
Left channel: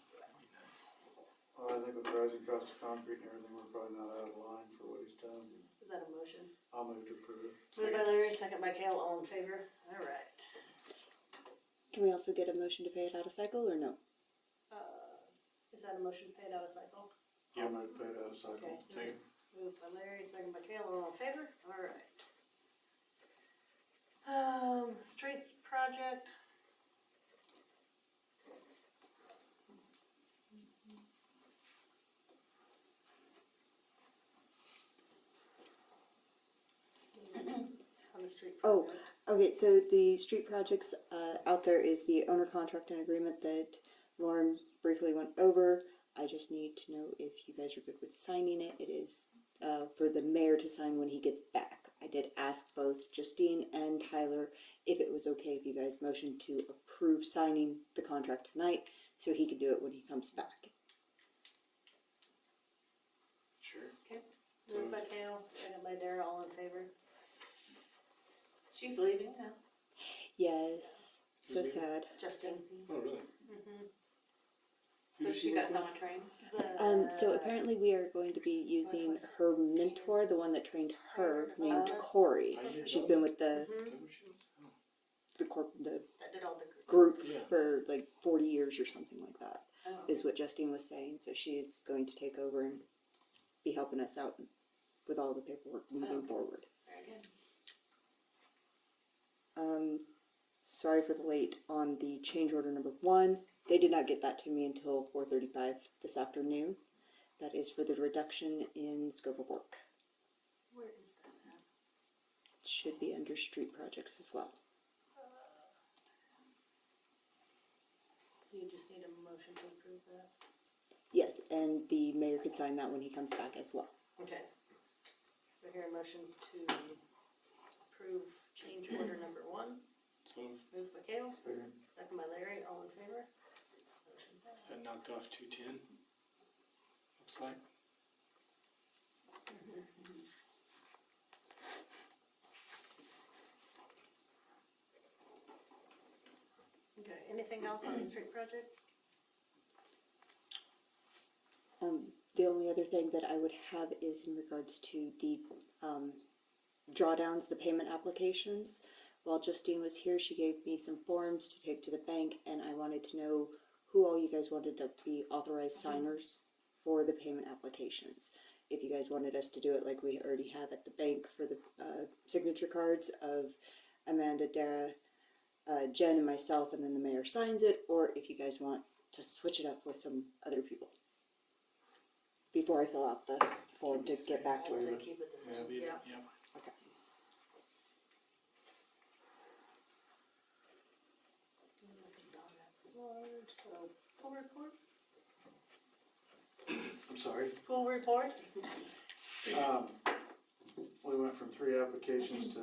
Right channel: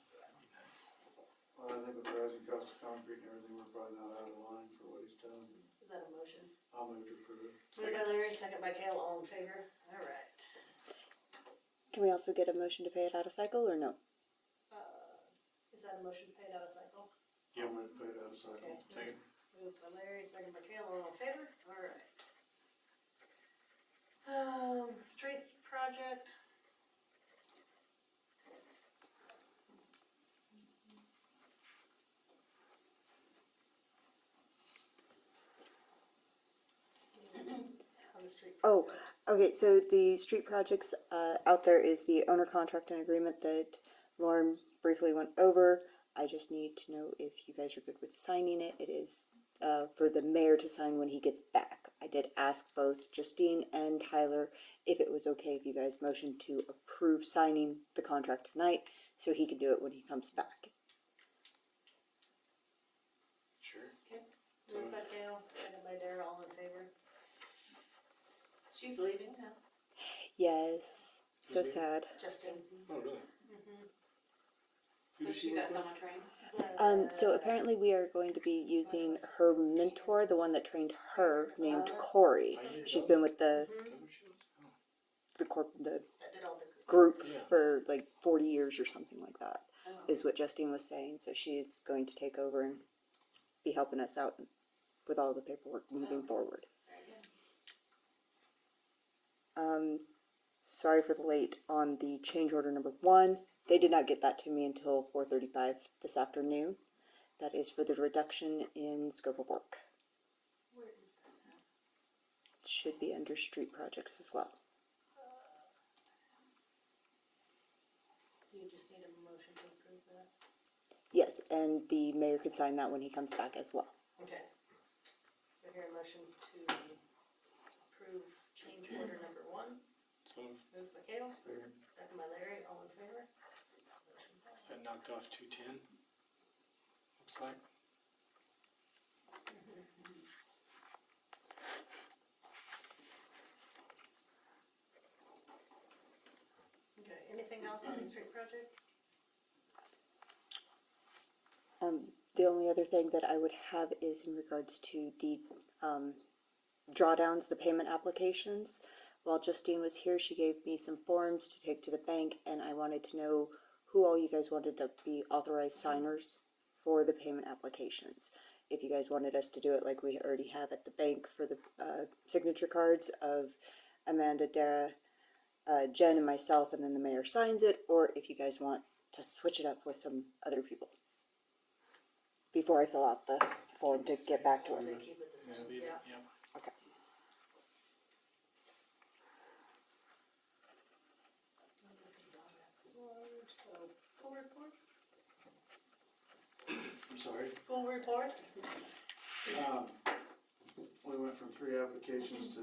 That'd be nice. Well, I think with rising cost of concrete and everything, we're probably not out of line for what he's done. Is that a motion? I'll move to approve it. Moved by Larry, second by Kale, all in favor? Alright. Can we also get a motion to pay it out of cycle or no? Is that a motion paid out of cycle? I'll move to pay it out of cycle. Okay. Second. Moved by Larry, second by Kale, all in favor? Alright. Streets project. On the street Oh, project. okay, so the street projects, out there is the owner contract and agreement that Lauren briefly went over. I just need to know if you guys are good with signing it. It is, for the mayor to sign when he gets back. I did ask both Justine and Tyler if it was okay if you guys motioned to approve signing the contract tonight, so he can do it when he comes back. Sure. Moved by Kale, second by Dara, all in favor? She's leaving now. Yes, so Is he? sad. Justine. Oh, really? Who does But she work got with? someone trained. So apparently we are going to be using her mentor, the one that trained her, named Oh. Corey. She's been with the Is that what she was? Oh. the That did all the. group Yeah. for like 40 years or something like that, Oh. is what Justine was saying. So she is going to take over and be helping us out with all the paperwork moving forward. Very good. Sorry for the late on the change order number 1. They did not get that to me until 4:35 this afternoon. That is for the reduction in scope of work. Where is that at? Should be under street projects as well. You just need a motion to approve that? Yes, and the mayor could sign that when he comes back as well. Okay. Do I hear a motion to approve change order number 1? So Moved by Kale, Second. second by Larry, all in favor? Motion passed. that knocked off 210. Looks like. Okay, anything else on the street project? The only other thing that I would have is in regards to the drawdowns, the payment applications. While Justine was here, she gave me some forms to take to the bank, and I wanted to know who all you guys wanted to be authorized signers for the payment applications. If you guys wanted us to do it like we already have at the bank for the signature cards of Amanda, Dara, Jen, and myself, and then the mayor signs it, or if you guys want to switch it up with some other people. Before I fill out the form to get back to I'd her. say keep it the same, yeah. Yep. Okay. Pool report? We went from 3 applications to,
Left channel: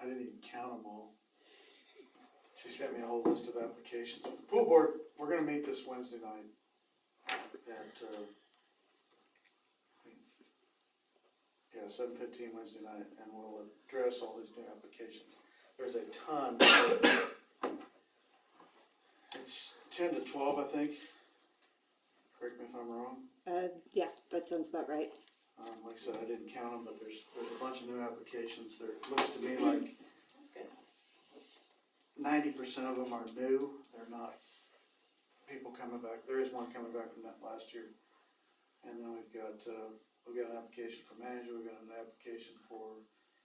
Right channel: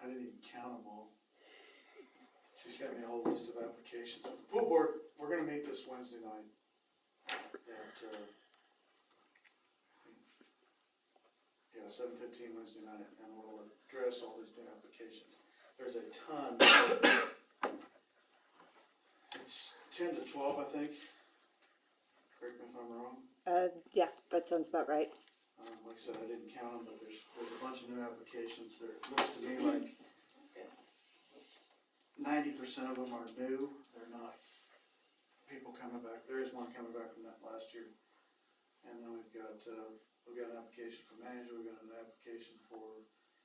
I didn't even count them all. She sent me a whole list of applications. Pool board, we're gonna meet this Wednesday night at, 7:15 Wednesday night, and we'll address all these new applications. There's a ton. It's 10 to 12, I think. Correct me if I'm wrong. Yeah, that sounds about right. Like I said, I didn't count them, but there's a bunch of new applications. There looks to me like That's good. 90% of them are new. They're not people coming back. There is one coming back from that last year. And then we've got an application for manager, we've got an application for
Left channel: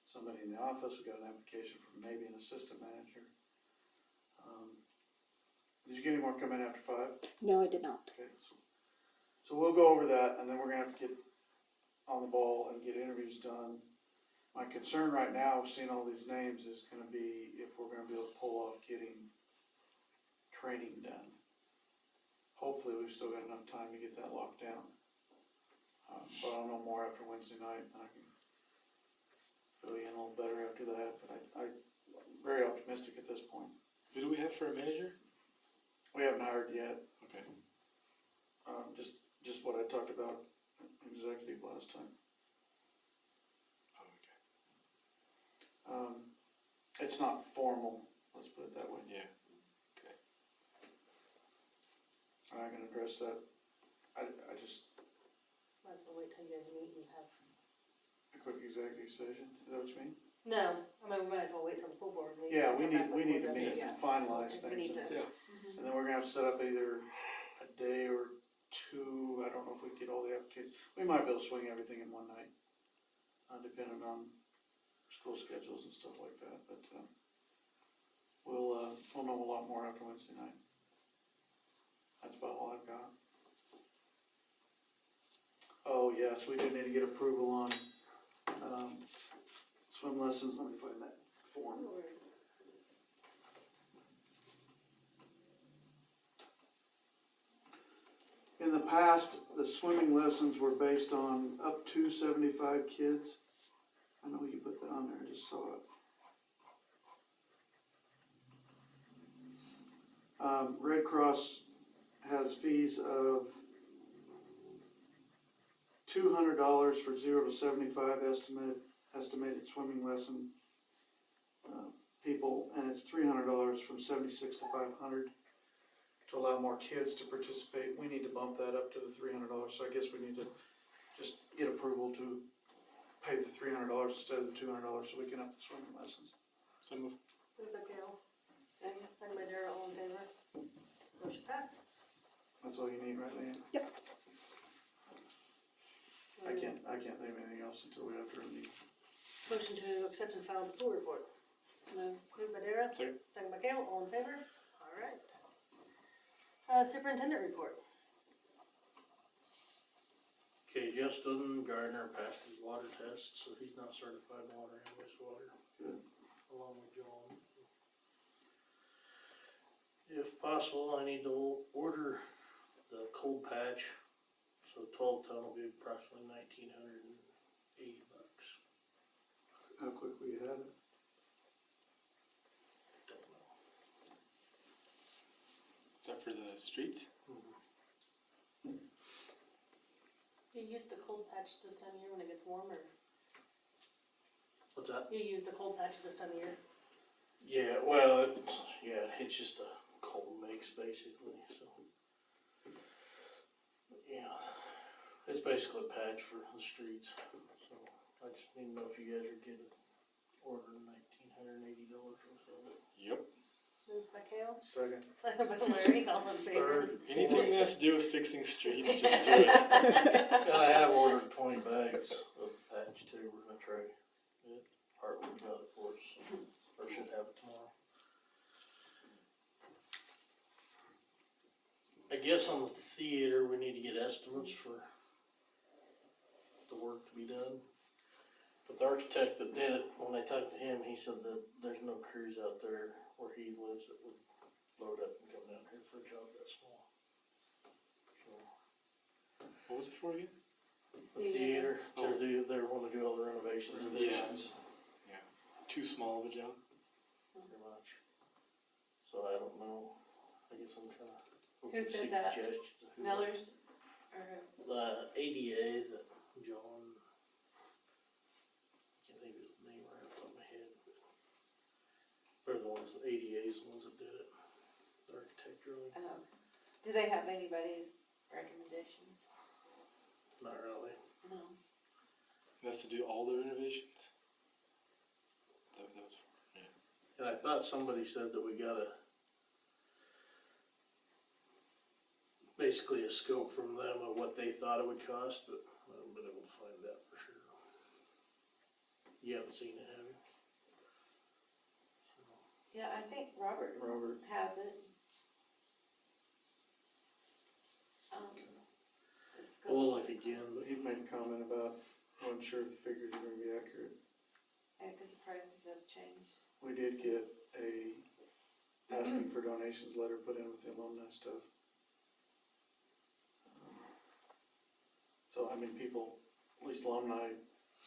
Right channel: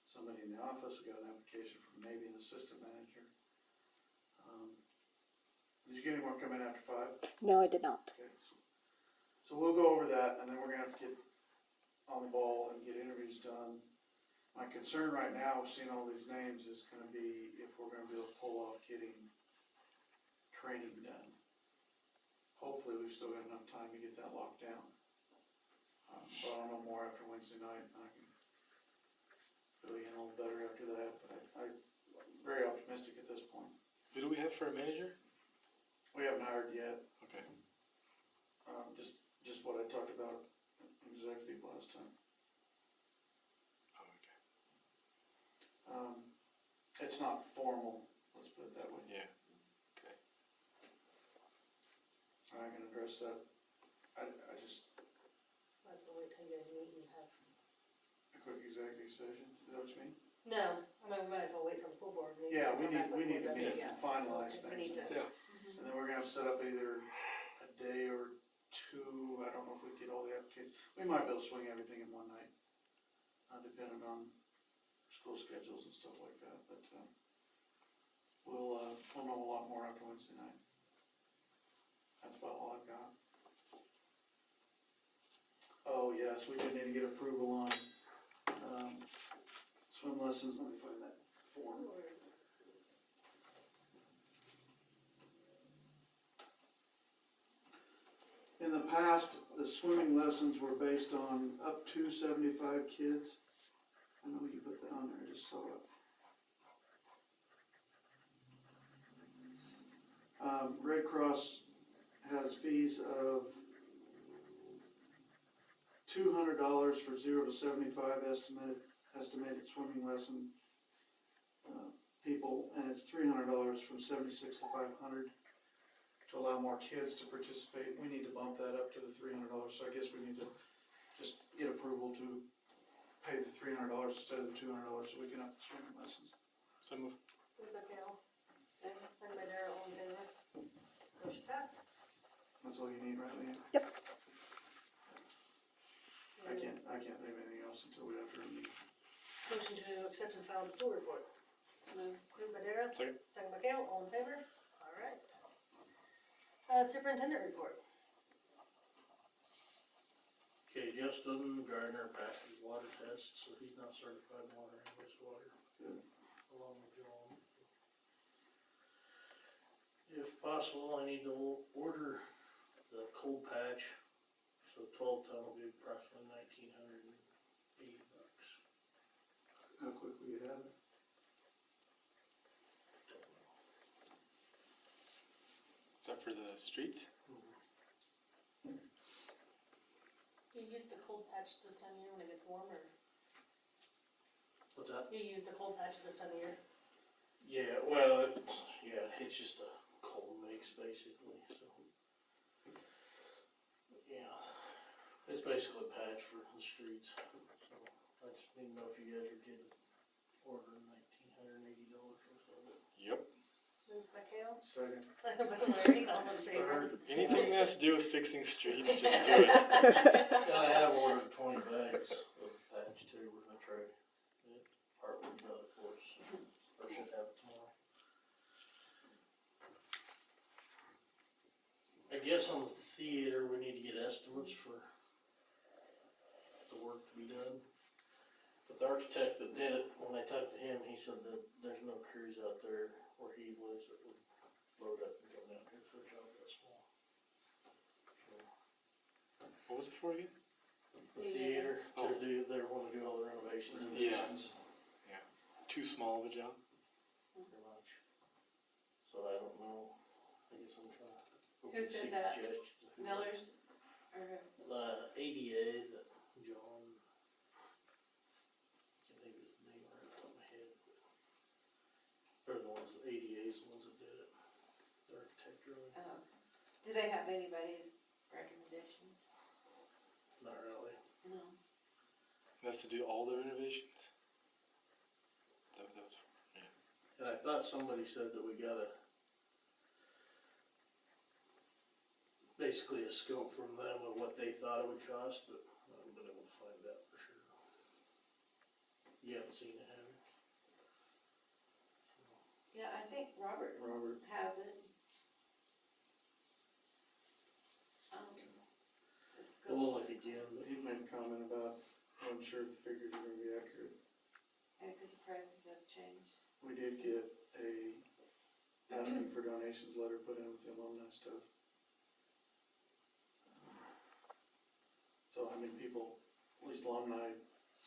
somebody in the office, we've got an application for maybe an assistant manager. Did you get any more coming after 5? No, I did not. Okay, so we'll go over that, and then we're gonna have to get on the ball and get interviews done. My concern right now, seeing all these names, is gonna be if we're gonna be able to pull off getting training done. Hopefully, we've still got enough time to get that locked down. But I'll know more after Wednesday night, and I can fill you in a little better after that, but I'm very optimistic at this point. Who do we have for a manager? We haven't hired yet. Okay. Just what I talked about in executive last time. Oh, okay. It's not formal, let's put it that way. Yeah. Okay. And I can address that. I just, Might as well wait till you guys meet and have. a quick executive session, is that what you mean? No, I mean, we might as well wait till the full board meeting. Yeah, to we come back with need to more meet detail. and finalize We need things. to. Yeah. And then we're gonna have to set up either a day or 2, I don't know if we get all the applications. We might be able to swing everything in one night, depending on school schedules and stuff like that, but, we'll know a lot more after Wednesday night. That's about all I've got. Oh, yes, we do need to get approval on, swim lessons. Let me find that form. In the past, the swimming lessons were based on up to 75 kids. I know you put that on there, I just saw it. Red Cross has fees of $200 for 0 to 75 estimated swimming lesson people, and it's $300 from 76 to 500 to allow more kids to participate. We need to bump that up to the $300, so I guess we need to just get approval to pay the $300 instead of the $200 so we can up the swimming lessons. So move. Moved by Carol. Second by Darrell, all in favor? Motion passed. That's all you need, right, Leanne? Yep. I can't think of anything else until we have to review. Motion to accept and file the pool report. Moved by Darrell. Second. Second by Carol, all in favor? All right. Superintendent report. Okay, Justin Gardner passed his water test, so he's not certified in water and wastewater. Good. Along with Joel. If possible, I need to order the cold patch, so 12 ton will be approximately $1,980. How quickly you have it? Don't know. Is that for the streets? You use the cold patch this time of year when it gets warmer. What's that? You use the cold patch this time of year. Yeah, well, it's just a cold mix basically, so. Yeah, it's basically a patch for the streets, so I just need to know if you guys are getting ordering $1,980 worth of it. Yep. Moved by Carol. Second. Second by Larry, all in favor? Anything that has to do with fixing streets, just do it. And I have ordered 20 bags of patch too, we're gonna try it. Hartwood got it for us, or should have it tomorrow. I guess on the theater, we need to get estimates for the work to be done. But the architect that did it, when I talked to him, he said that there's no crews out there where he lives that would load up and come down here for a job that small. So, What was it for again? The theater, Oh. they wanna do all the renovations. and Yeah. additions, Too small of a job? Pretty much. So I don't know, I guess I'm trying to. Who said that? Suggestions. Miller's, or, ADA that John, can't think of his name right off the top of my head. They're the ones, ADA's the ones that did it, the architect drawing, do they have anybody recommendations? not really. No. That's to do all the renovations? Is that what that was for? Yeah. And I thought somebody said that we gotta, basically a scope from them of what they thought it would cost, but I haven't been able to find that for sure. You haven't seen it, have you? Yeah, I think Robert Robert, has it. The scope. We'll look again, but he made a comment about, I'm sure the figures are gonna be accurate. Yeah, cause the prices have changed. We did get a asking for donations letter put in with the alumni stuff. So, I mean, people, at least alumni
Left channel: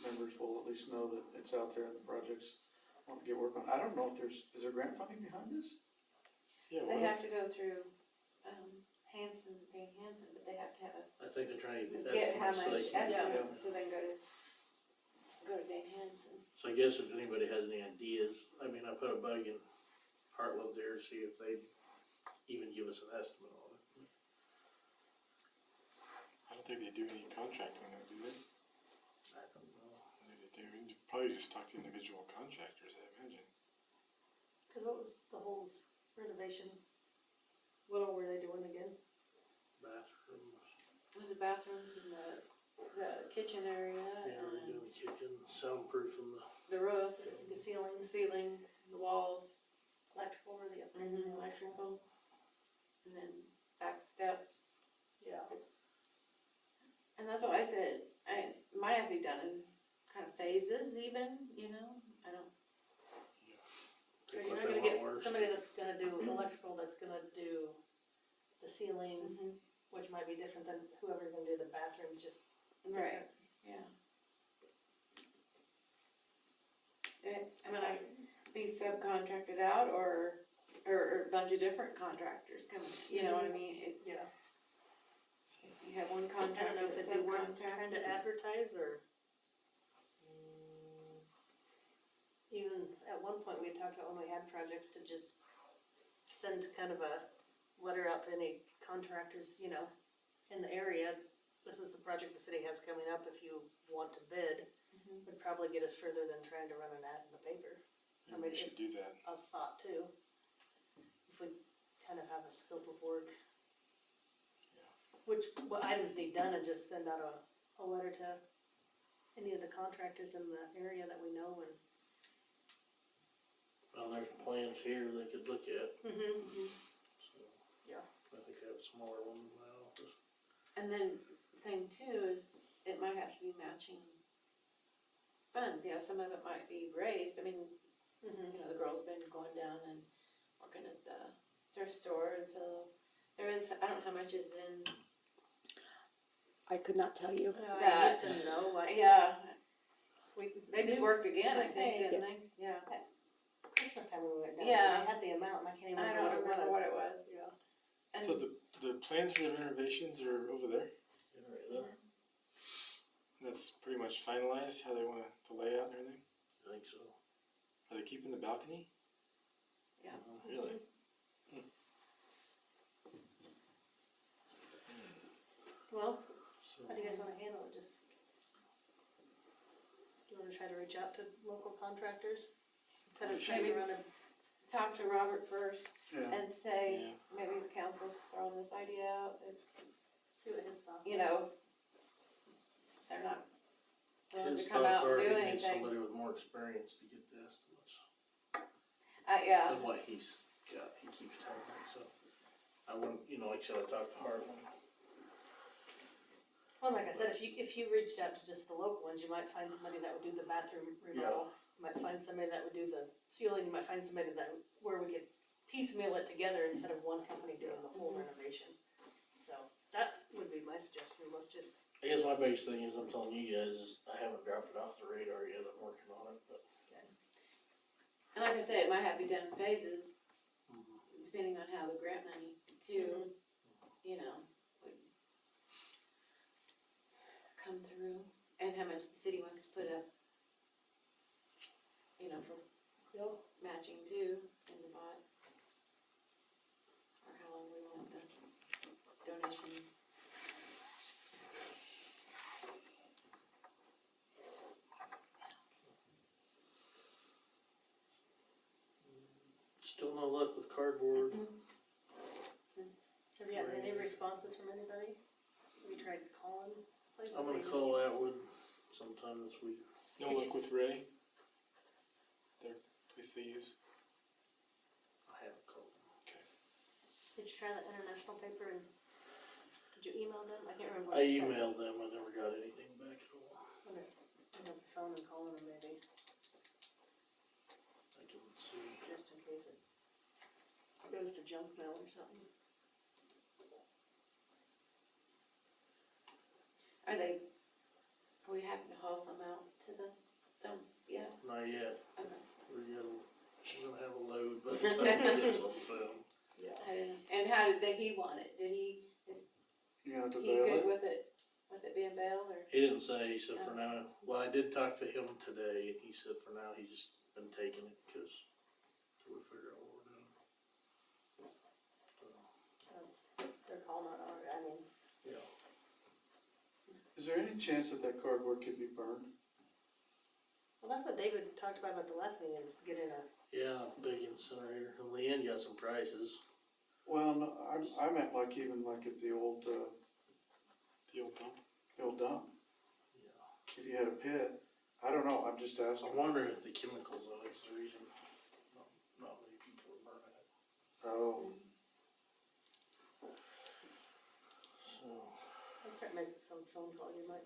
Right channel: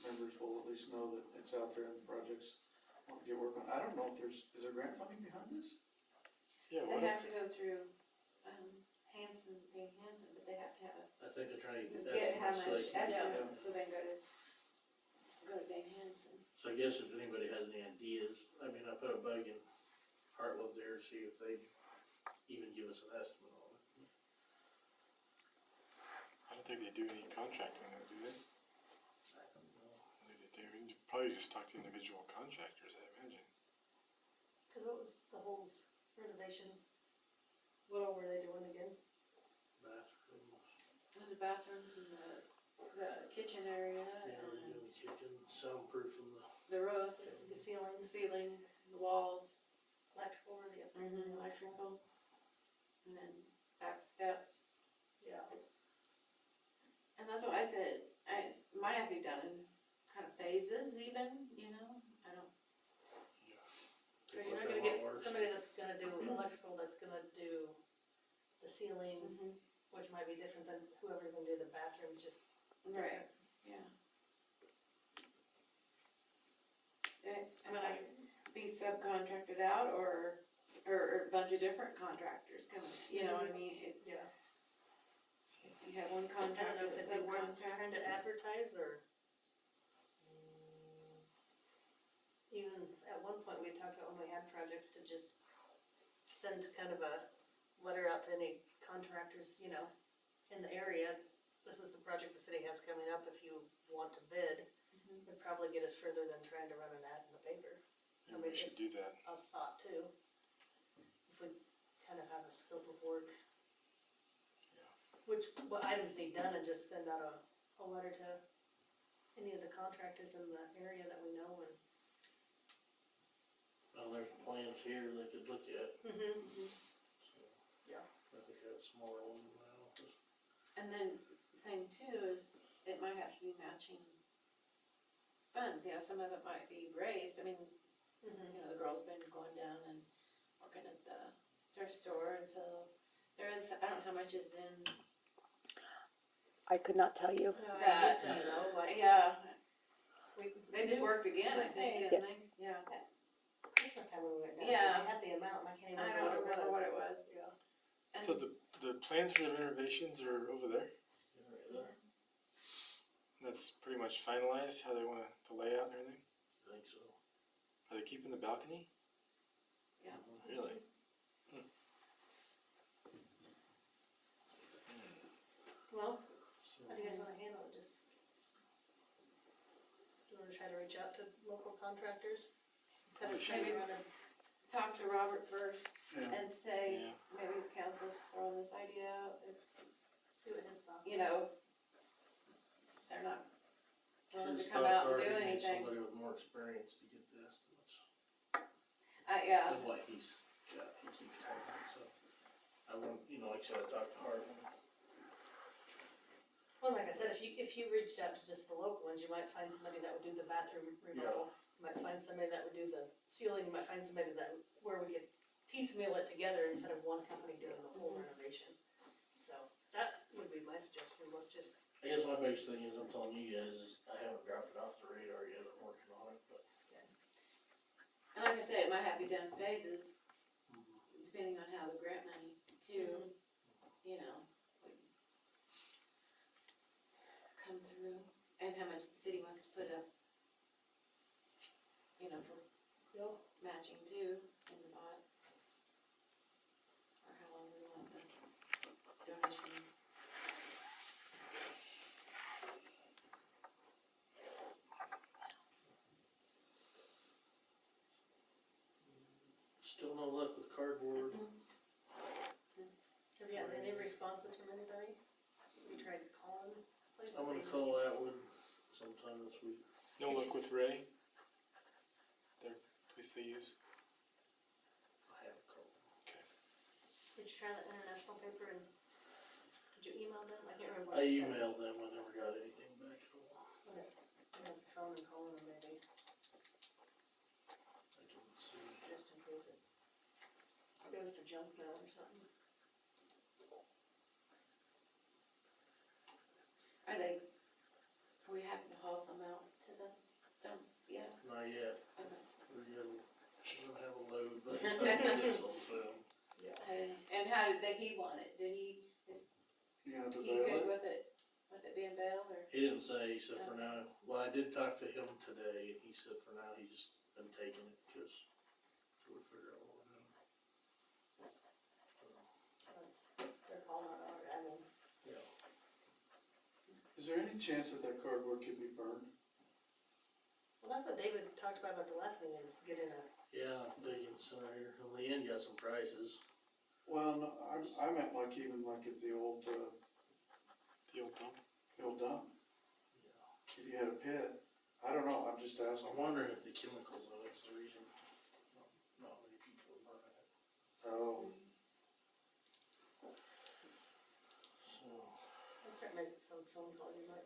members will at least know that it's out there and the projects want to get work on. I don't know if is there grant funding behind this? Yeah, They what, have to go through, Hanson, Dane Hanson, but they have to have I think they're trying to get how estimates, so much they can. estimates, so they can go to Dane Hanson. So I guess if anybody has any ideas, I mean, I put a bug in Heartland there to see if they even give us an estimate on it. I don't think they do any contracting on that, do they? I don't know. I think they do. We could probably just talk to individual contractors, I imagine. Cause what was the whole renovation? What all were they doing again? Bathrooms, There's the bathrooms and the kitchen area yeah, they're and doing the kitchen, soundproofing the roof, The ceiling, the ceiling, the walls, electrical, or the upper? electrical. And then back steps. Yeah. And that's what I said, I might have to be done in kind of phases even, you know, I don't, Cause you're not gonna get somebody that's gonna do electrical, that's gonna do the ceiling, which might be different than whoever's gonna do the bathrooms, just right, yeah. I mean, I could be subcontracted out or a bunch of different contractors coming, you know what I mean? yeah. If you have one I don't contractor know if that's it'd be worth trying to subcontracted. advertise or. Even at one point, we talked about when we had projects to just send kind of a letter out to any contractors, you know, in the area. This is the project the city has coming up, if you want to bid, would probably get us further than trying to run an ad in the paper. I Maybe mean, we should do that. A thought too. If we kind of have a scope of work. Yeah. What items need done, and just send out a letter to any of the contractors in the area that we know and. Well, there's plans here they could look at, so. Yeah. I think I have a smaller one in my office. And then thing too is it might have to be matching funds, yeah, some of it might be raised, I mean, you know, the girl's been going down and working at the thrift store, and so there is, I don't know how much is in, I could not tell you. I used to know, like, yeah, they they just worked again, I think, didn't they? Yes. Yeah, Christmas time when we went down. Yeah. I had the amount, and I can't even I remember don't remember what it was. Yeah. And So the plans for the renovations are over there? Yeah, right there. That's pretty much finalized, how they want the layout and everything? I think so. Are they keeping the balcony? Yeah. Really? Well, So, how do you guys wanna handle it, just? Do you wanna try to reach out to local contractors? Instead of trying to Maybe- run a, talk to Robert first Yeah. and say, Yeah. maybe the council's throwing this idea out, if, see what his thoughts are. you know, they're not willing his to come thoughts out and are do he needs anything. somebody with more experience to get the estimates Yeah, than what he's got, he keeps telling me, so. I wouldn't, you know, like I said, I talked to Hartman. Well, like I said, if you reached out to just the local ones, you might find somebody that would do the bathroom remodel. You might find somebody that would do the ceiling, you might find somebody where we could piecemeal it together instead of one company doing the whole renovation. So, that would be my suggestion, let's just I guess my biggest thing is, I'm telling you guys, is I haven't dropped it off the radar yet, I'm working on it, but. And like I said, it might have to be done in phases, depending on how the grant money too, you know, would come through, and how much the city wants to put up, you know, for matching too in the pot. Or how long we want the donations. Still no luck with cardboard. Have you gotten any responses from anybody? We tried calling places. I'm gonna they just- call Atwood sometime this week. No luck with Ray? Their place they use? I haven't called them. Okay. Did you try that international paper and did you email them? I can't remember what I you said. emailed them, I never got anything back at all. Okay, pick up the phone and call them maybe, I didn't see. just in case it goes to junk mail or something. Are we having to haul some out to the dump yet? Not yet. Okay. We don't have a load, but I can get some film. And how did he want it? Is You gonna have to he bail good it? with it being bail or? He didn't say, he said for now, well, I did talk to him today, and he said for now, he's just been taking it, cause till we figure out what we're doing. They're calling on our, I mean, Yeah. Is there any chance that cardboard could be burned? well, that's what David talked about at the last meeting, is getting a, Yeah, big incinerator, and Leanne got some prices. Well, no, I meant like even like at the old The old dump? dump. Yeah. If you had a pit, I don't know, I'm just asking. I'm wondering if the chemicals, though, that's the reason not many people are burning it. Oh, So, let's start making some phone calls, you might.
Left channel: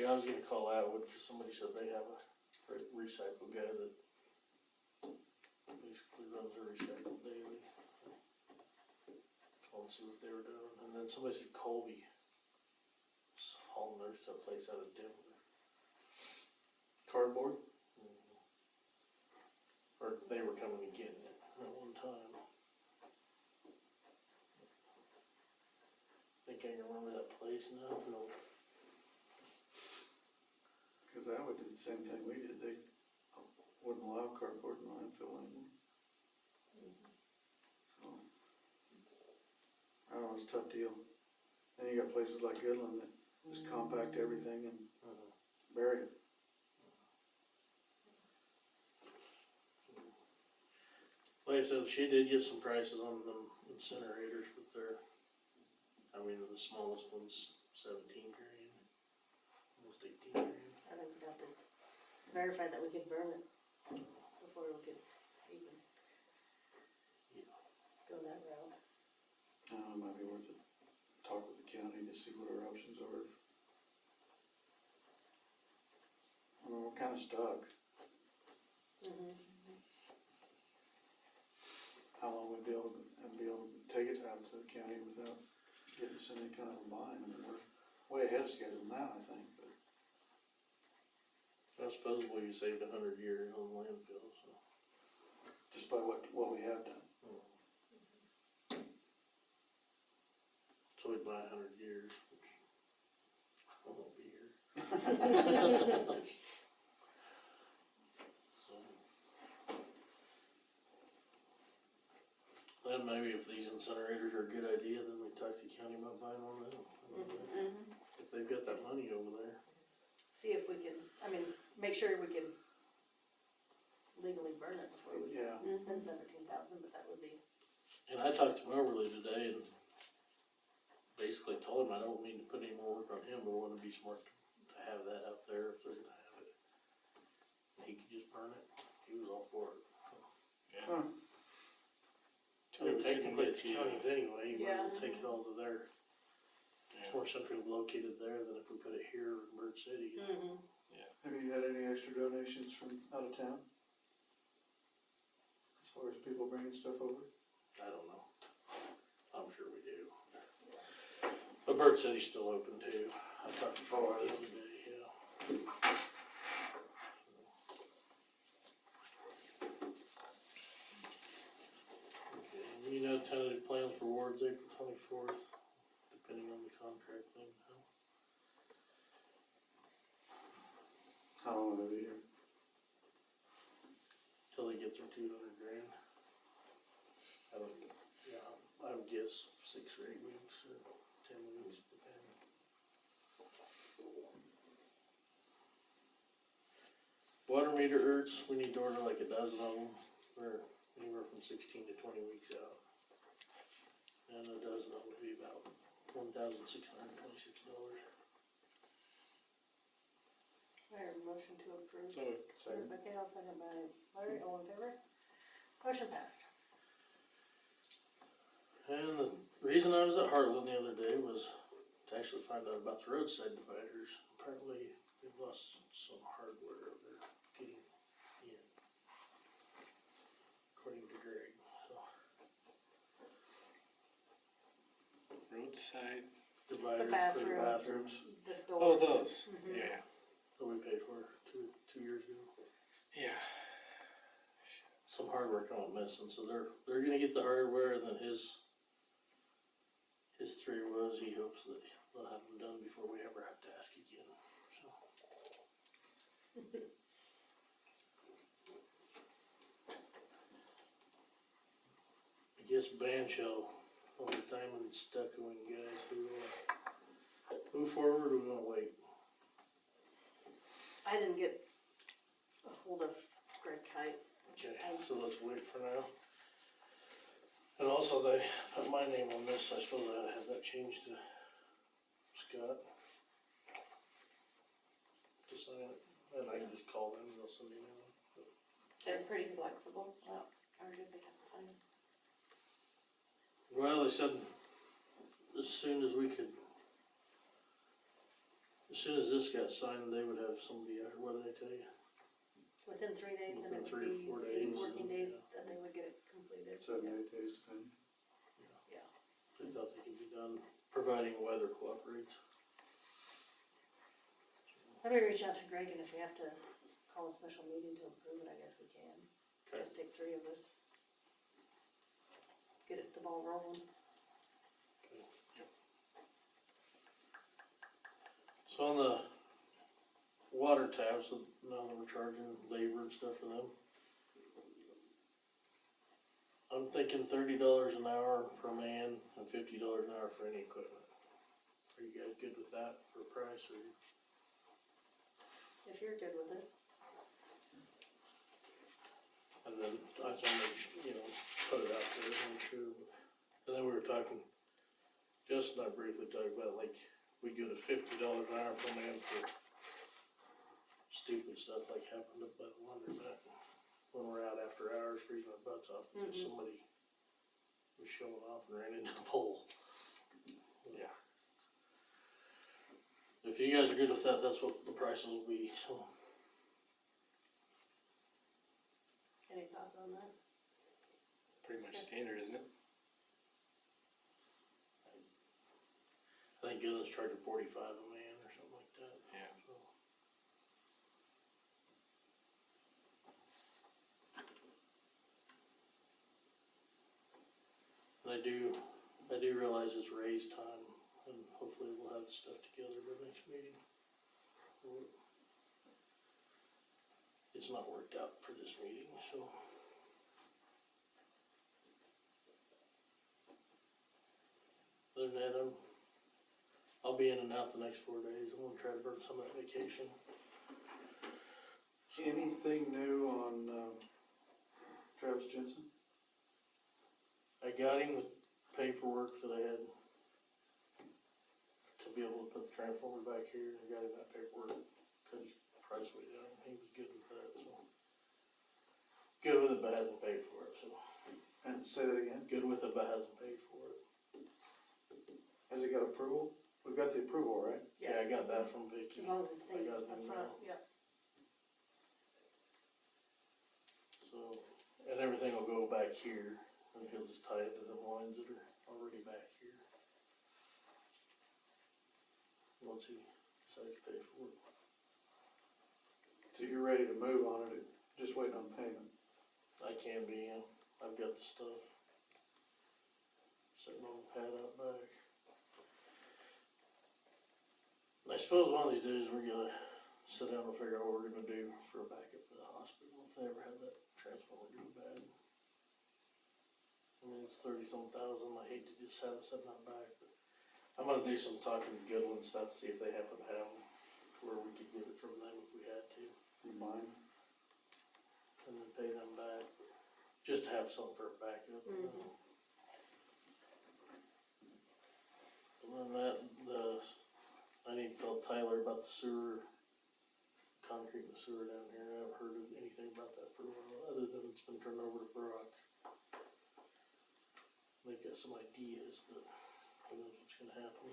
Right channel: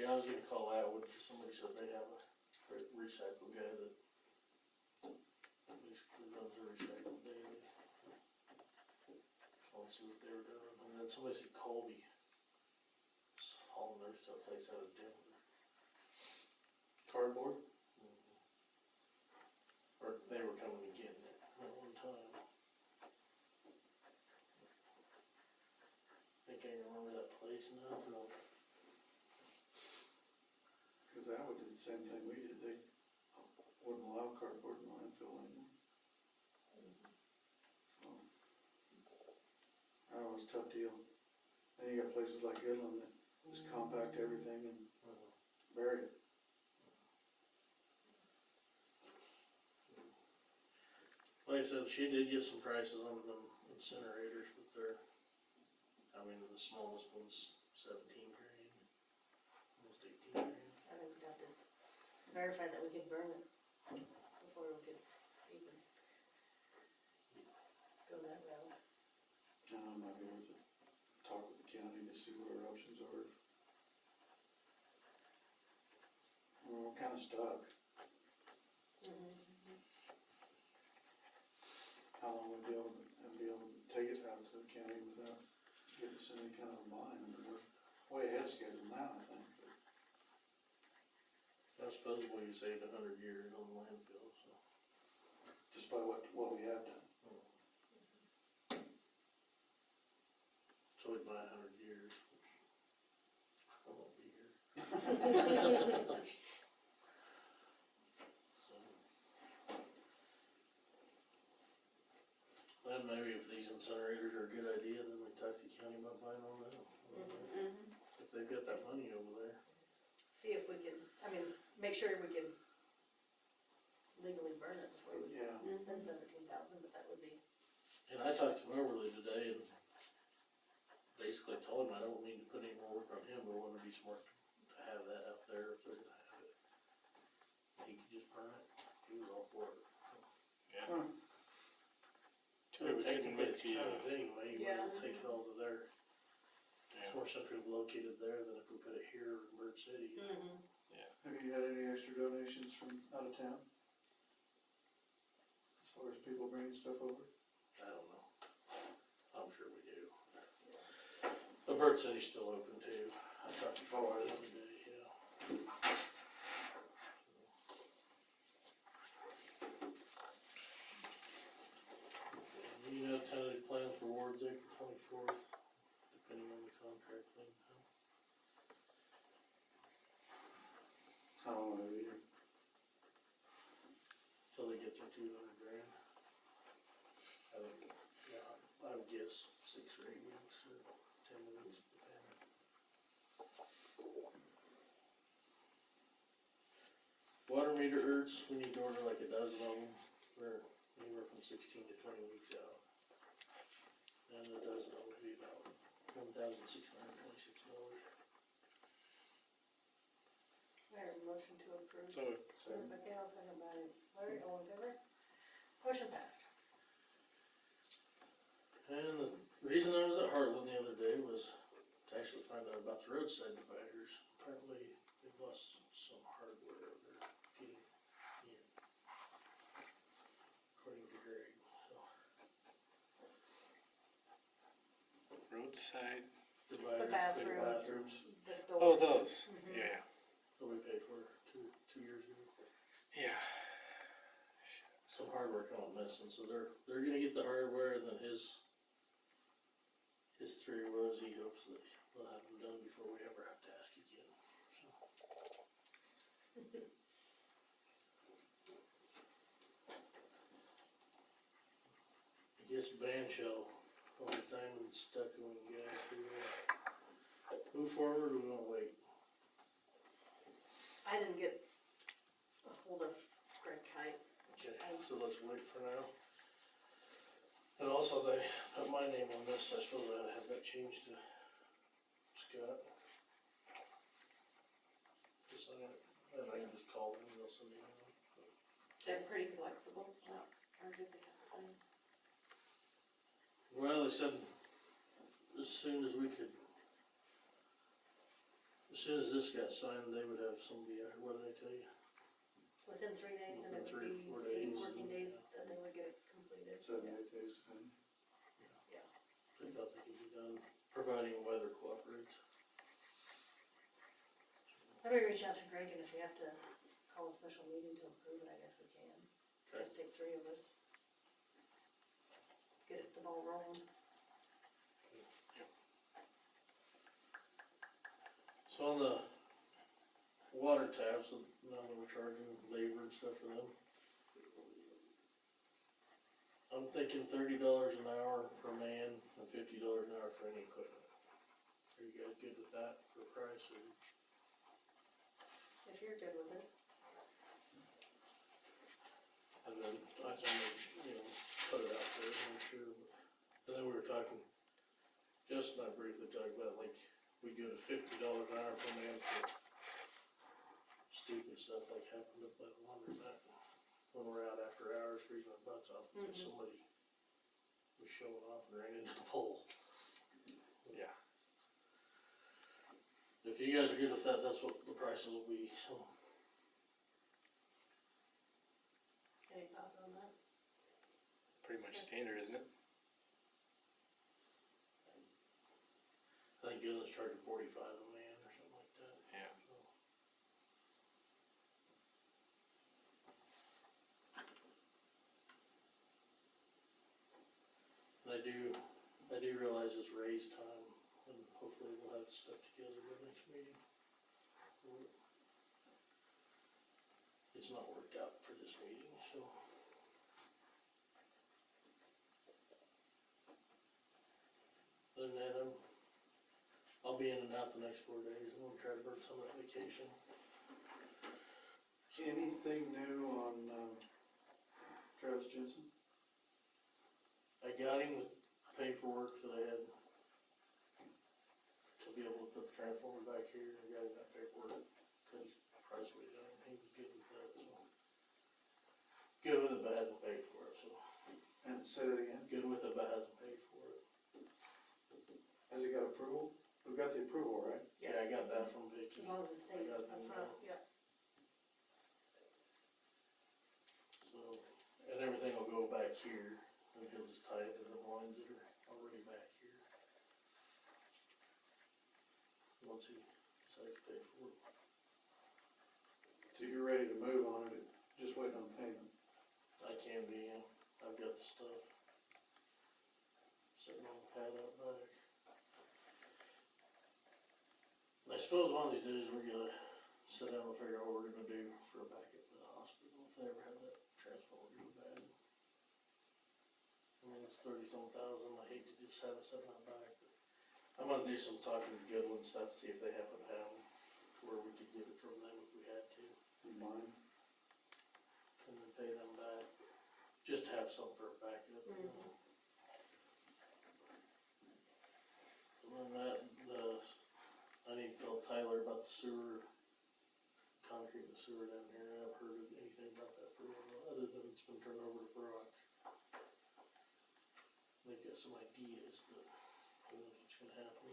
yeah, I was gonna call Atwood, cause somebody said they have a recycle guy that basically runs a recycle daily. Call and see what they were doing, and then somebody said Colby was hauling their stuff place out of Denver. cardboard? Or they were coming and getting it at one time. Think I can remember that place now, no. Cause Atwood did the same thing we did, they wouldn't allow cardboard in landfill anymore. So, I don't know, it's a tough deal. Then you got places like Goodland that just compact everything and bury it. Like I said, she did get some prices on them incinerators, but they're, I mean, the smallest one's 17 grand, almost 18 grand. I think we'd have to verify that we could burn it before we could even go that route. It might be worth it, talk with the county to see what our options are. I mean, we're kinda stuck. How long we'd be able to take it out to the county without getting us in any kind of a bind. I mean, we're way ahead of schedule now, I think, but I suppose we saved 100 years on landfill, so. just by what we have done. So we'd buy 100 years, which I won't be here. So. Then maybe if these incinerators are a good idea, then we talk to the county about buying one of them. If they've got that money over there. See if we can, I mean, make sure we can legally burn it before we Yeah, spend 17,000, but that would be, And I talked to Moberly today and basically told him I don't mean to put any more work on him, but it wouldn't be smart to have that out there if they're gonna have it. He could just burn it, he was all for it. Yeah. Huh. Too bad we couldn't Technically, let it's the, counties anyway, you Yeah. might as well take it all to there. It's yeah. more centrally located there than if we put it here in Bird City. have you had any extra donations from out of town? As far as people bringing stuff over? I don't know. I'm sure we do. Ford said he's still open too. I talked to Ford the other day, yeah. You know, tentative plan for Ward's April 24th, depending on the contract thing. How long will they be here? Till they get their 200 grand. I would, yeah, I would guess 6 or 8 weeks or 10 weeks, depending. Water meter urts, we need to order like a dozen of them. They're anywhere from 16 to 20 weeks out. And a dozen of them would be about $1,626. I have a motion to approve. So, Moved by Gail, second by Larry, all in favor? Motion passed. And the reason I was at Heartland the other day was to actually find out about the roadside dividers. Apparently, they've lost some hardware they're getting in, according to Greg. So, roadside. dividers for the bathroom. bathrooms The Oh, doors. those. Mhm. Yeah. that we paid for two years ago. Yeah. Some hardware come up missing, so they're gonna get the hardware, and then his theory was he hopes that they'll have them done before we ever have to ask again. So. I guess ban shell all the time and stuck on you guys. Do we wanna move forward or we wanna wait? I didn't get a hold of Greg Kite. Okay, so let's wait for now. And also they put my name on this, I suppose I have that changed to Scott. To sign it, and I can just call them and they'll send me one. They're pretty flexible, well, or did they have time? Well, they said as soon as we could, as soon as this got signed, they would have somebody, what did they tell you? Within 3 days, and Within it 3 would or 4 be 8 days, working yeah. days that they would get it completed. 7 to 8 days depending. Yeah. They thought they could be done, providing weather cooperates. Let me reach out to Greg, and if we have to call a special meeting to approve it, I guess we can. Okay. Just take 3 of us. Get the ball rolling. So on the water taps, so now that we're charging labor and stuff for them, I'm thinking $30 an hour per man and $50 an hour for any equipment. Are you guys good with that for a price, or? If you're good with it. And then I can make, put it out there, I'm sure. And then we were talking, Justin and I briefly talked about, like, we go to $50 an hour per man for stupid stuff like happened up by the laundromat when we're out after hours freezing our butts off because somebody was showing off and ran into the pole. Yeah. If you guys are good with that, that's what the prices will be, so. Any thoughts on that? Pretty much standard, isn't it? I think Gillen's charging 45 a man or something like that. Yeah. So. And I do realize it's raise time, and hopefully we'll have stuff together by next meeting. It's not worked out for this meeting, so. Other than that, I'll be in and out the next 4 days. I'm gonna try to burn some of that vacation. Anything new on Travis Jensen? I got him the paperwork that I had to be able to put the transformer back here. I got him that paperwork because price way down. He was good with that, so. Good with it, but hasn't paid for it, so. And say that again, Good with it, but hasn't paid for it. has he got approval? We've got the approval, right? Yeah, I got that from Vicky. As long as it's I paid got up the front, email. yep. So, and everything will go back here, and he'll just tie it to the lines that are already back here. once he decides to pay for it. So you're ready to move on it, just waiting on payment. I can be, I've got the stuff sitting on the pad out back. I suppose one of these days we're gonna sit down and figure out what we're gonna do for a backup for the hospital if they ever have that transformer go bad. I mean, it's 30-some thousand, I hate to just have it sitting out back, but I'm gonna do some talking to Goodwin stuff, see if they happen to have them, where we could get it from them if we had to, You mind? and then pay them back, just to have something for a backup. Mhm. And then I need to tell Tyler about the sewer, concrete in the sewer down here. I haven't heard of anything about that for a while, other than it's been turned over to Brock. They've got some ideas, but who knows what's gonna happen.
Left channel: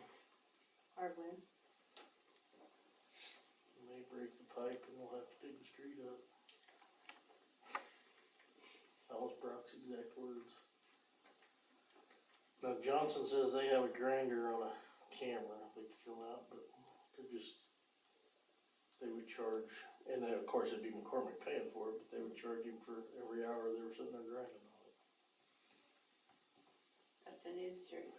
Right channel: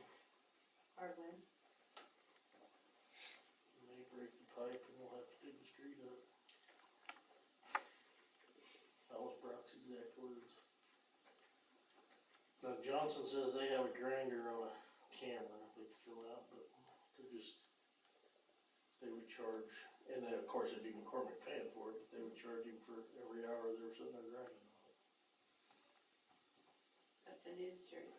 Hard win. They may break the pipe and we'll have to dig the street up. That was Brock's exact words. Now Johnson says they have a grinder on a camera they can fill out, but they would charge, and then of course it'd be McCormick paying for it, but they would charge him for every hour they were sitting there grinding on it. That's the news street.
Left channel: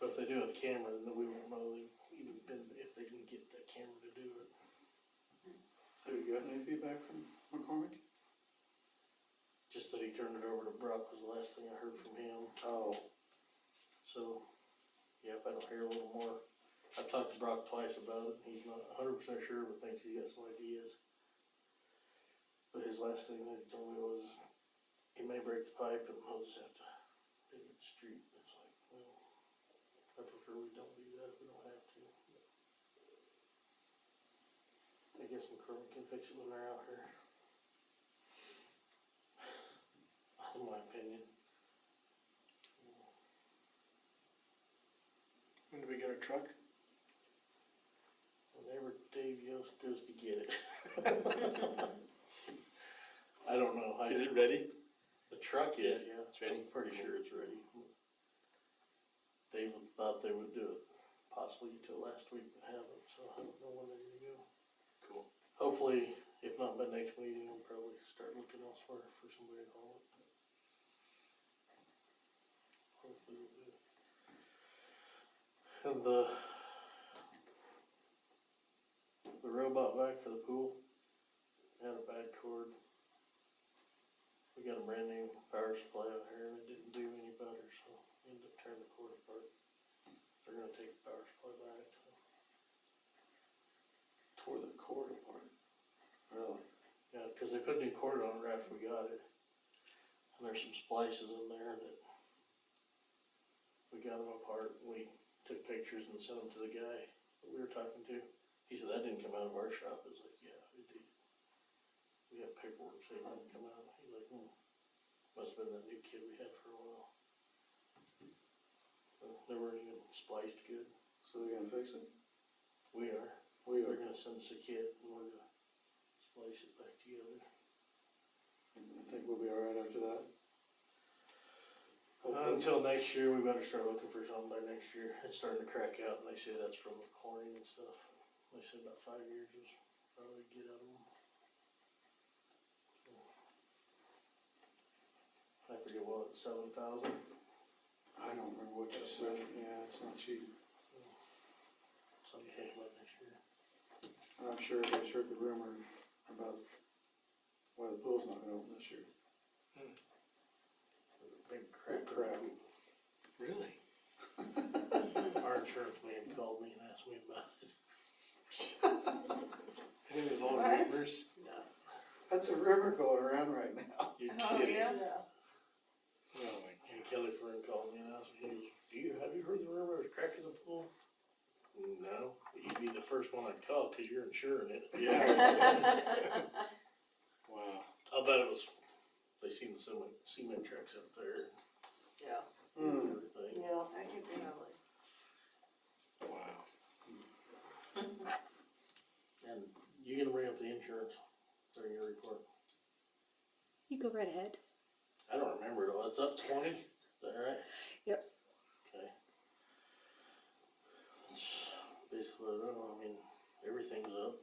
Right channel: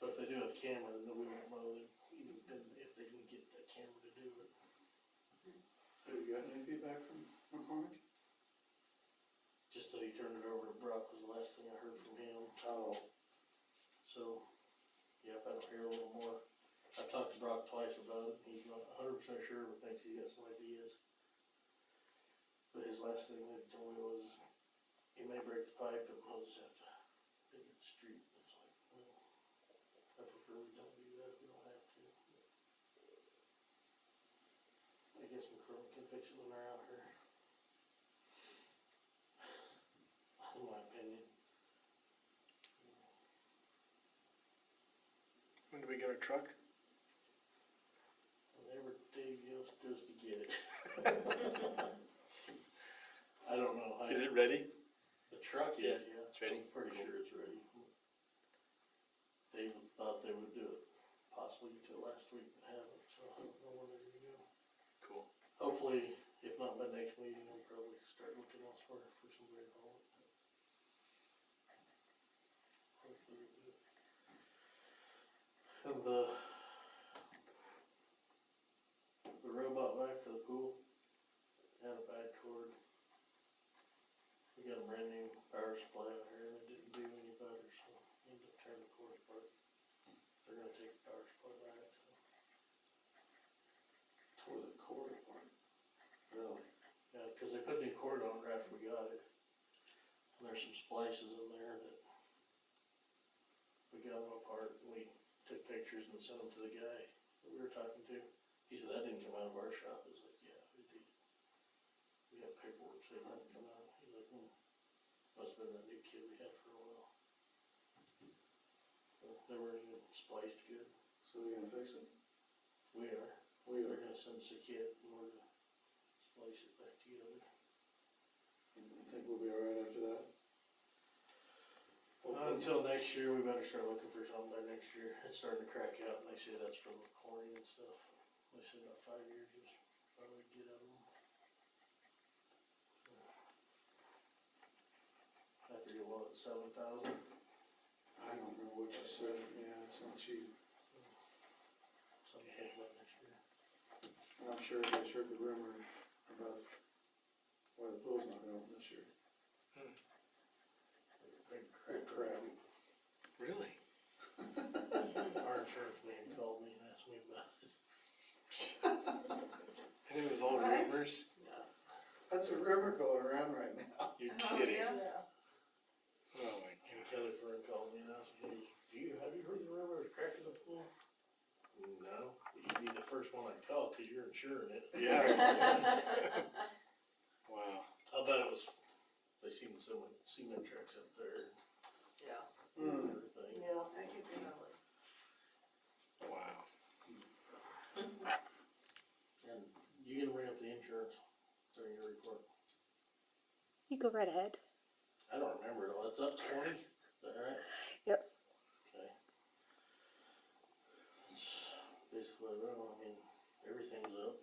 But if they do it with camera, then we won't know even if they can get that camera to do it. Have you gotten any feedback from McCormick? Just that he turned it over to Brock was the last thing I heard from him. Oh. So, yeah, if I don't hear a little more. I've talked to Brock twice about it. He's not 100% sure, but thinks he got some ideas. But his last thing that he told me was he may break the pipe and we'll just have to dig the street. It's like, well, I prefer we don't do that if we don't have to. I guess McCormick can fix it when they're out here. In my opinion. When do we get our truck? Whenever Dave goes to get it. I don't know. Is it ready? The truck is, yeah. It's ready? I'm pretty sure it's ready. Dave thought they would do it possibly till last week, but haven't, so I don't know when they're gonna go. Cool. Hopefully, if not by next meeting, we'll probably start looking elsewhere for somebody to haul it. Hopefully we'll do it. And the robot vac for the pool had a bad cord. We got a brand new power supply out here and it didn't do any better, so we ended up tearing the cord apart. They're gonna take the power supply back, so. Tore the cord apart. Really? Yeah, cause they put a new cord on it right after we got it. And there's some splices in there that we got them apart. We took pictures and sent them to the guy that we were talking to. He said, that didn't come out of our shop. I was like, yeah, it did. We got paperwork saying it didn't come out. He's like, must have been that new kid we had for a while. They weren't even spliced good. So we're gonna fix it? We are. We We're are. gonna send us a kit and we're gonna splice it back together. I think we'll be alright after that. Until next year, we better start looking for something by next year. It's starting to crack out and they say that's from the chlorine and stuff. They said about 5 years is probably get out of them. I forget what, 7,000? I don't remember what you said. Yeah, it's not cheap. Something to think about next year. And I'm sure everybody's heard the rumor about why the pool's not gonna open this year. Big crap. Big crap. Really? Our insurance man called me and asked me about it. And it was all What? rumors? That's a rumor going around right now. You're Oh, kidding. yeah? Yeah. Oh my And Kelly Fern called me and asked me, have you heard the rumor of cracking the pool? No, you'd be the first one I'd call because you're insuring it. Yeah. Wow. I'll bet it was, they seen the cement tracks up there Yeah. and Hmm. everything. Yeah. That could be. Wow. And you gonna bring up the insurance during your report? You go right ahead. I don't remember it all. It's up 20, is that right? Yep. Okay. basically, I don't know, I mean, everything's up.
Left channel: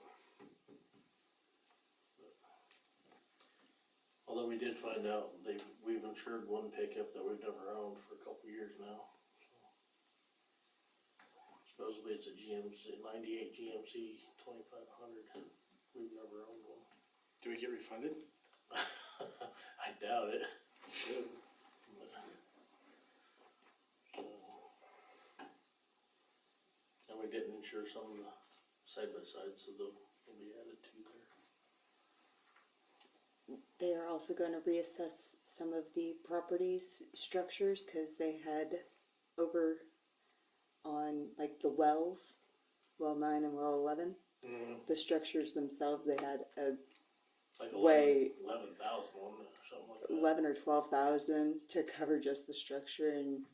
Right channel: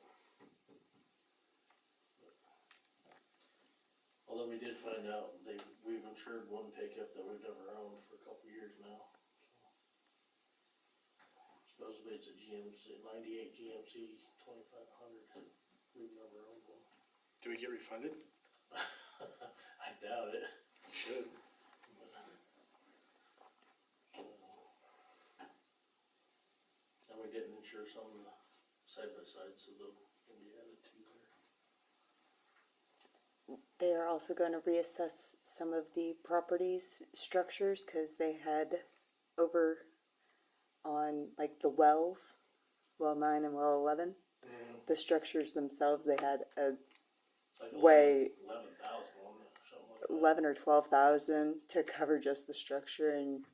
Although we did find out we've insured one pickup that we've never owned for a couple years now. Supposedly it's a GMC, 98 GMC 2500. We've never owned one. Do we get refunded? I doubt it. Should. And we didn't insure some of the side by side, so they'll be added to there. They are also going to reassess some of the properties structures because they had over on like the wells, well 9 and well 11. The structures themselves, they had a Like way 11,000 or something like that. 11 or 12,000 to cover just the structure, and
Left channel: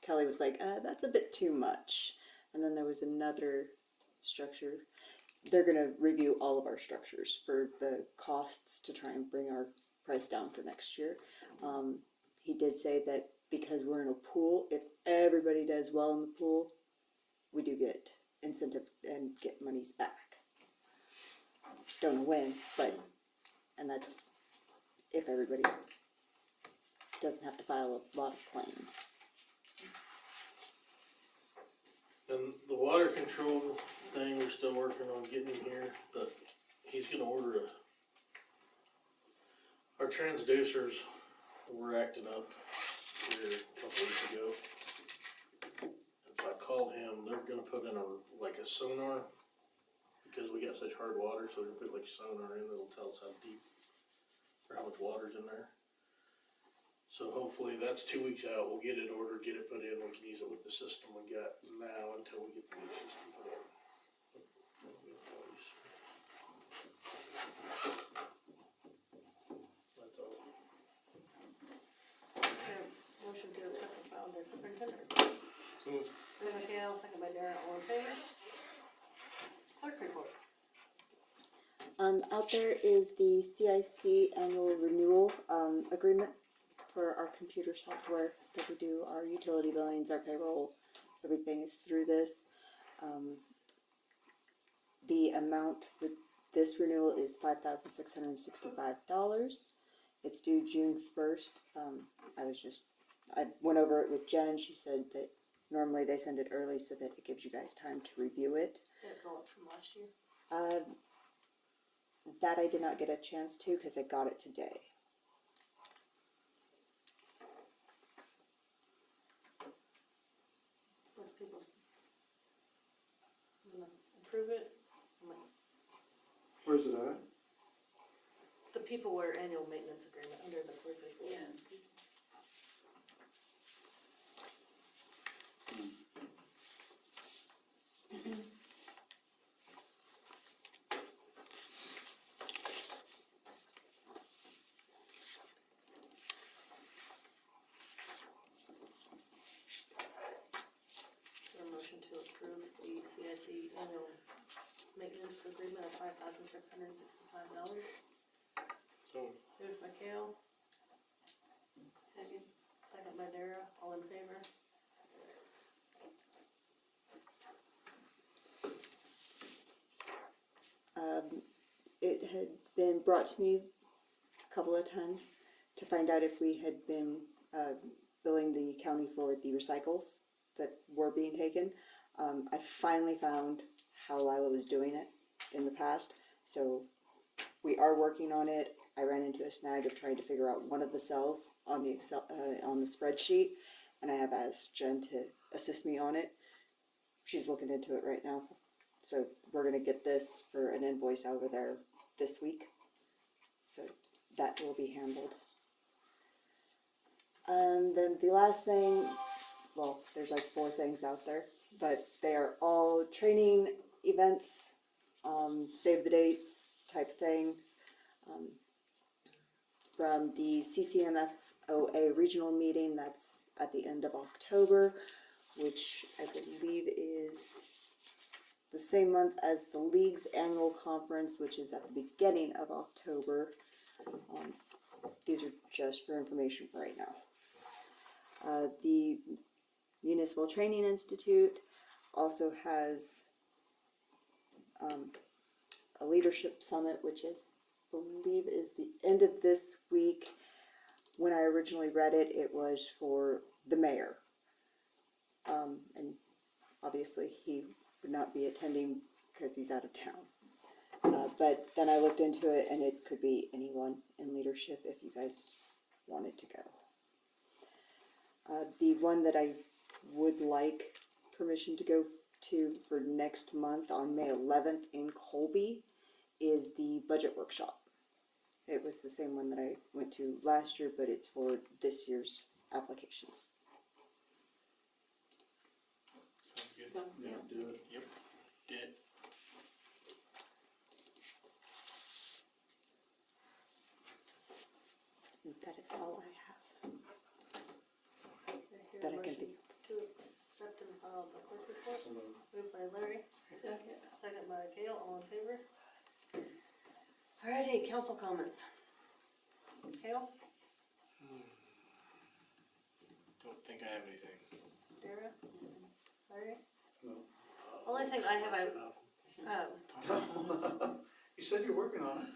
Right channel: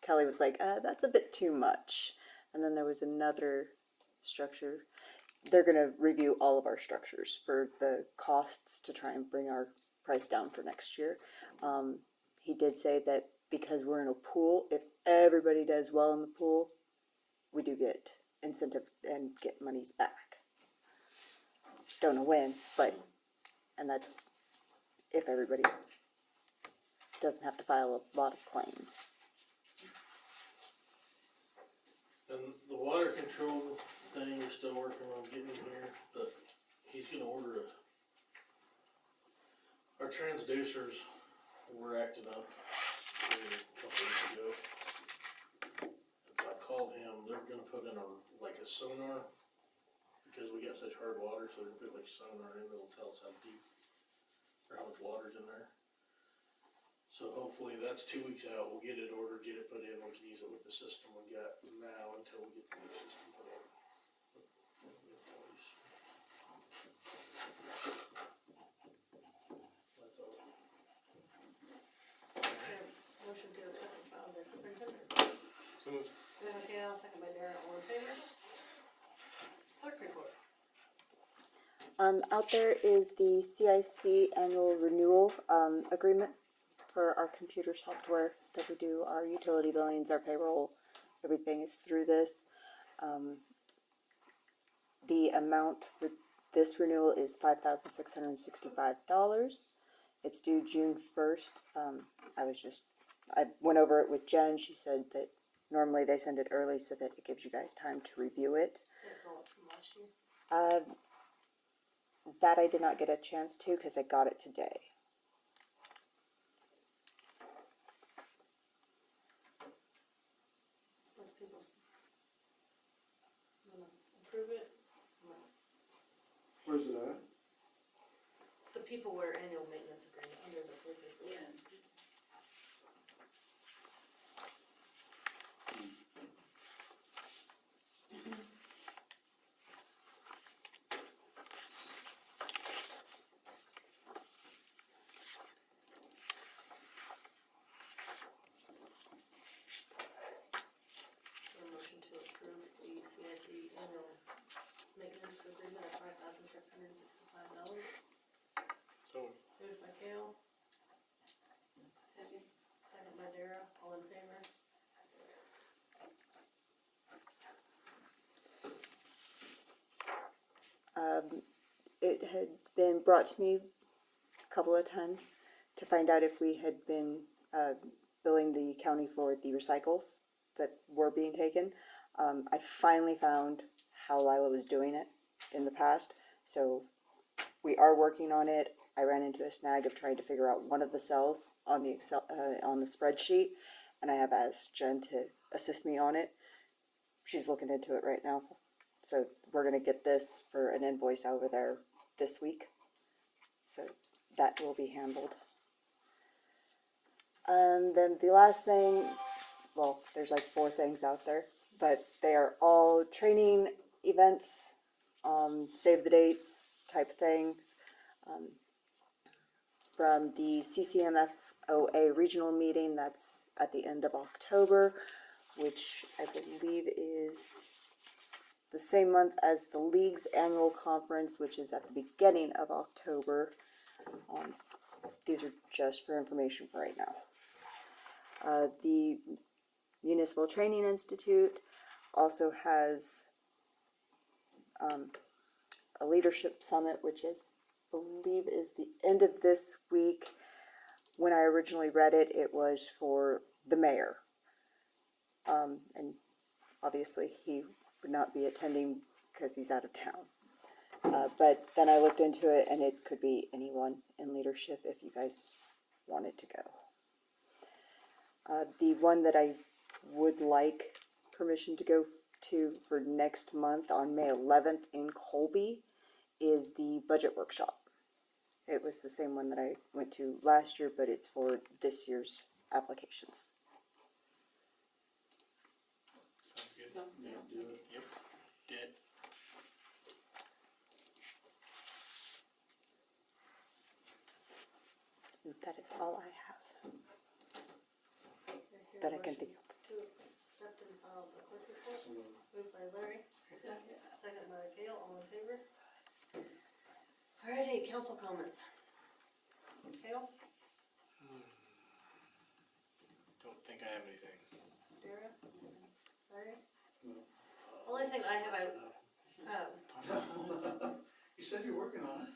Kelly was like, "That's a bit too much." And then there was another structure. They're going to review all of our structures for the costs to try and bring our price down for next year. He did say that because we're in a pool, if everybody does well in the pool, we do get incentive and get monies back. Don't know when, but, and that's if everybody doesn't have to file a lot of claims. And the water control thing, we're still working on getting here, but he's gonna order our transducers were acting up here a couple weeks ago. If I called him, they're gonna put in like a sonar, because we got such hard water, so they're gonna put like sonar in that'll tell us how deep or how much water's in there. So hopefully that's 2 weeks out, we'll get it ordered, get it put in, we can use it with the system we got now until we get the new system put in. That's all. Motion to accept the file by superintendent. So moved. Moved by Gail, second by Darren, all in favor? Clerk report. Out there is the CIC annual renewal agreement for our computer software that we do our utility billings, our payroll, everything is through this. The amount for this renewal is $5,665. It's due June 1st. I went over it with Jen. She said that normally they send it early so that it gives you guys time to review it. Did it go up from last year? That I did not get a chance to because I got it today. What's people's, gonna approve it? Where's it at? The peopleware annual maintenance agreement under the clerk report. Yeah. A motion to approve the CIC annual maintenance agreement of $5,665. So Moved by Gail, Second. second by Dara, all in favor? It had been brought to me a couple of times to find out if we had been billing the county for the recycles that were being taken. I finally found how Lila was doing it in the past, so we are working on it. I ran into a snag of trying to figure out one of the cells on the Excel on the spreadsheet, and I have asked Jen to assist me on it. She's looking into it right now, so we're gonna get this for an invoice over there this week. So that will be handled. And then the last thing, well, there's like 4 things out there, but they are all training events, save the dates type things. From the CCMFOA regional meeting, that's at the end of October, which I believe is the same month as the league's annual conference, which is at the beginning of October. These are just for information for right now. The Municipal Training Institute also has a leadership summit, which is, believe is the end of this week. When I originally read it, it was for the mayor. And obviously he would not be attending because he's out of town. But then I looked into it, and it could be anyone in leadership if you guys wanted to go. The one that I would like permission to go to for next month on May 11th in Colby is the budget workshop. It was the same one that I went to last year, but it's for this year's applications. Sounds good. So, Yeah, do it. Yep. Did. And that is all I have. Hear a That I can motion think of. To accept and file the clerk report. So moved. Moved by Larry, okay. second by Gail, all in favor? Alrighty, council comments. Gail, Don't think I have anything. Dara, Larry? No. Only thing I have, You said you're working on it.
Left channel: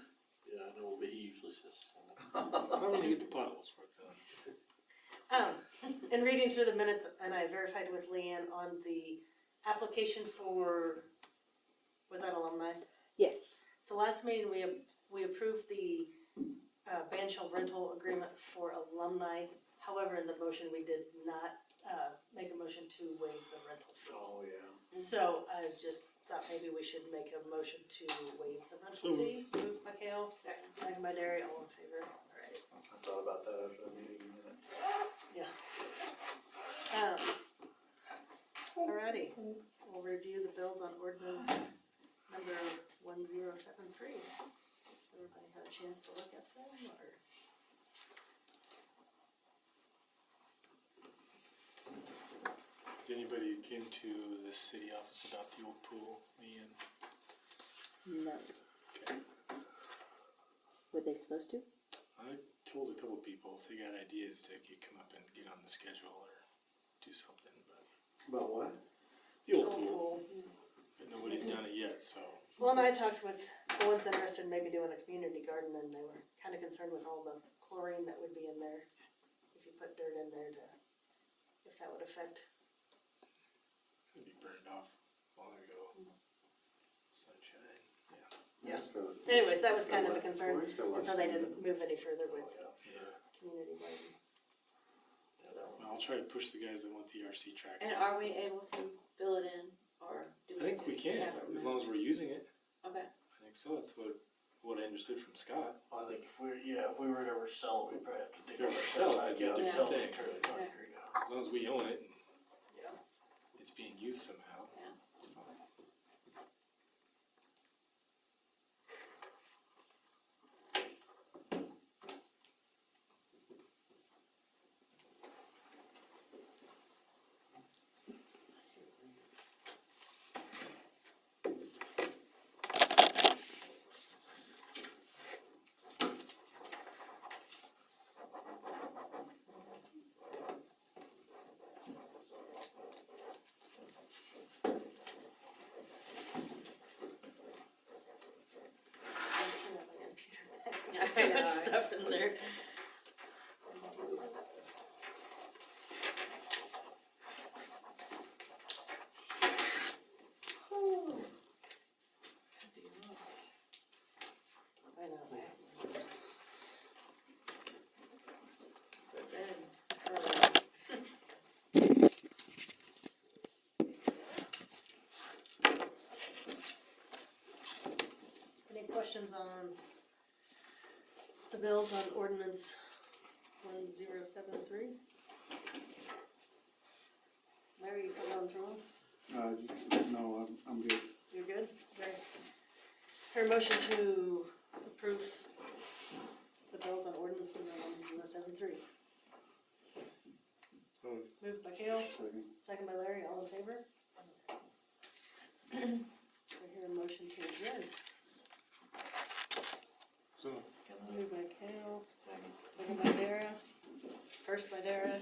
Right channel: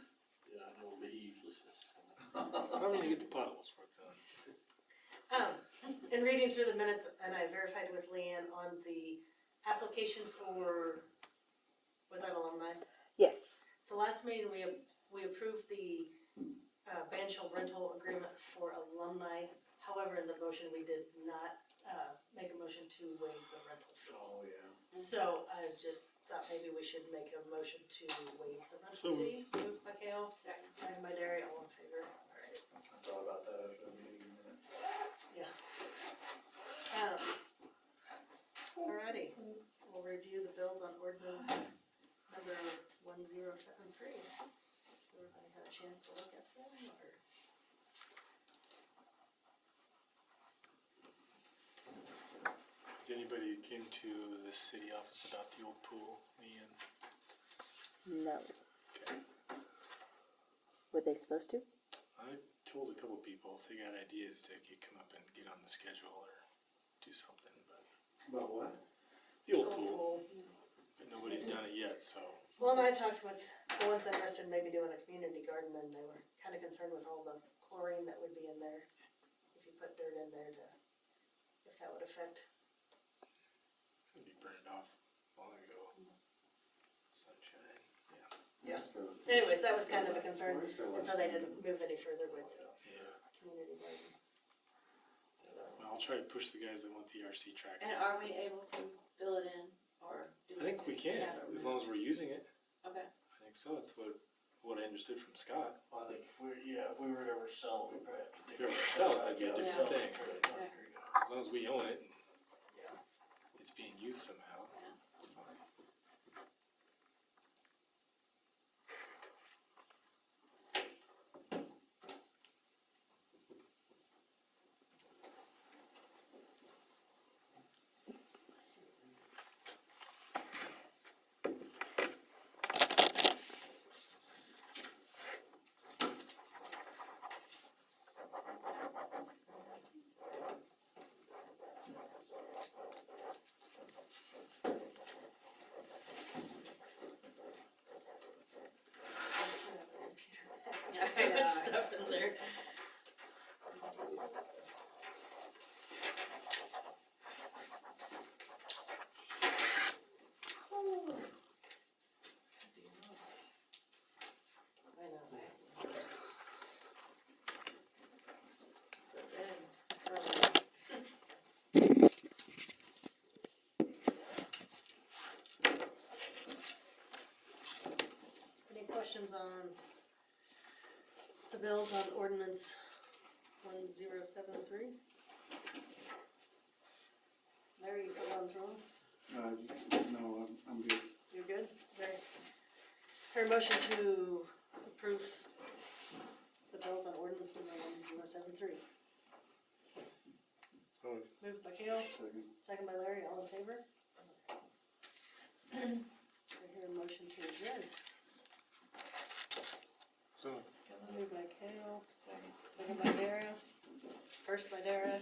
Yeah, I know, but he usually says. I'm gonna get the potholes worked on. in reading through the minutes, and I verified with Leanne on the application for, was that alumni? Yes. So last meeting, we approved the ban shell rental agreement for alumni. However, in the motion, we did not make a motion to waive the rental fee. Oh, yeah. So I just thought maybe we should make a motion to waive the rental So- fee. Moved by Kale, second by Derry, all in favor. Alright, I thought about that after the meeting a minute. yeah. Alrighty, we'll review the bills on ordinance number 1073. Everybody had a chance to look at them, or? Has anybody came to the city office about the old pool, Leanne? No. Okay. Were they supposed to? I told a couple people if they got ideas to come up and get on the schedule or do something, but About what? the old pool, but nobody's done it yet, so. Well, and I talked with the ones interested in maybe doing a community garden, and they were kind of concerned with all the chlorine that would be in there. If you put dirt in there to, if that would affect. It'd be burned off long ago. Sunshine, Yeah. Anyways, that was kind of a concern, and so they didn't move any further with yeah. community garden. So, Well, I'll try to push the guys that want the RC track. And are we able to fill it in, or do we? I think we can, have it as long as we're using it. Okay, I think so, that's what I understood from Scott. I think if we were to ever sell it, we'd probably have to dig. If we ever sell it, that'd be a different thing. Okay. As long as we own it and yeah. it's being used somehow, Yeah. it's fine. Got so much stuff in there. I know. But then, any questions on the bills on ordinance 1073? Larry, you still going through them? No, I'm good. You're good? Okay. Her motion to approve the bills on ordinance number 1073. So, Moved by Kale, Second. second by Larry, all in favor? I hear a motion to adjourn. so Moved by Kale, second by Dara, first by Dara.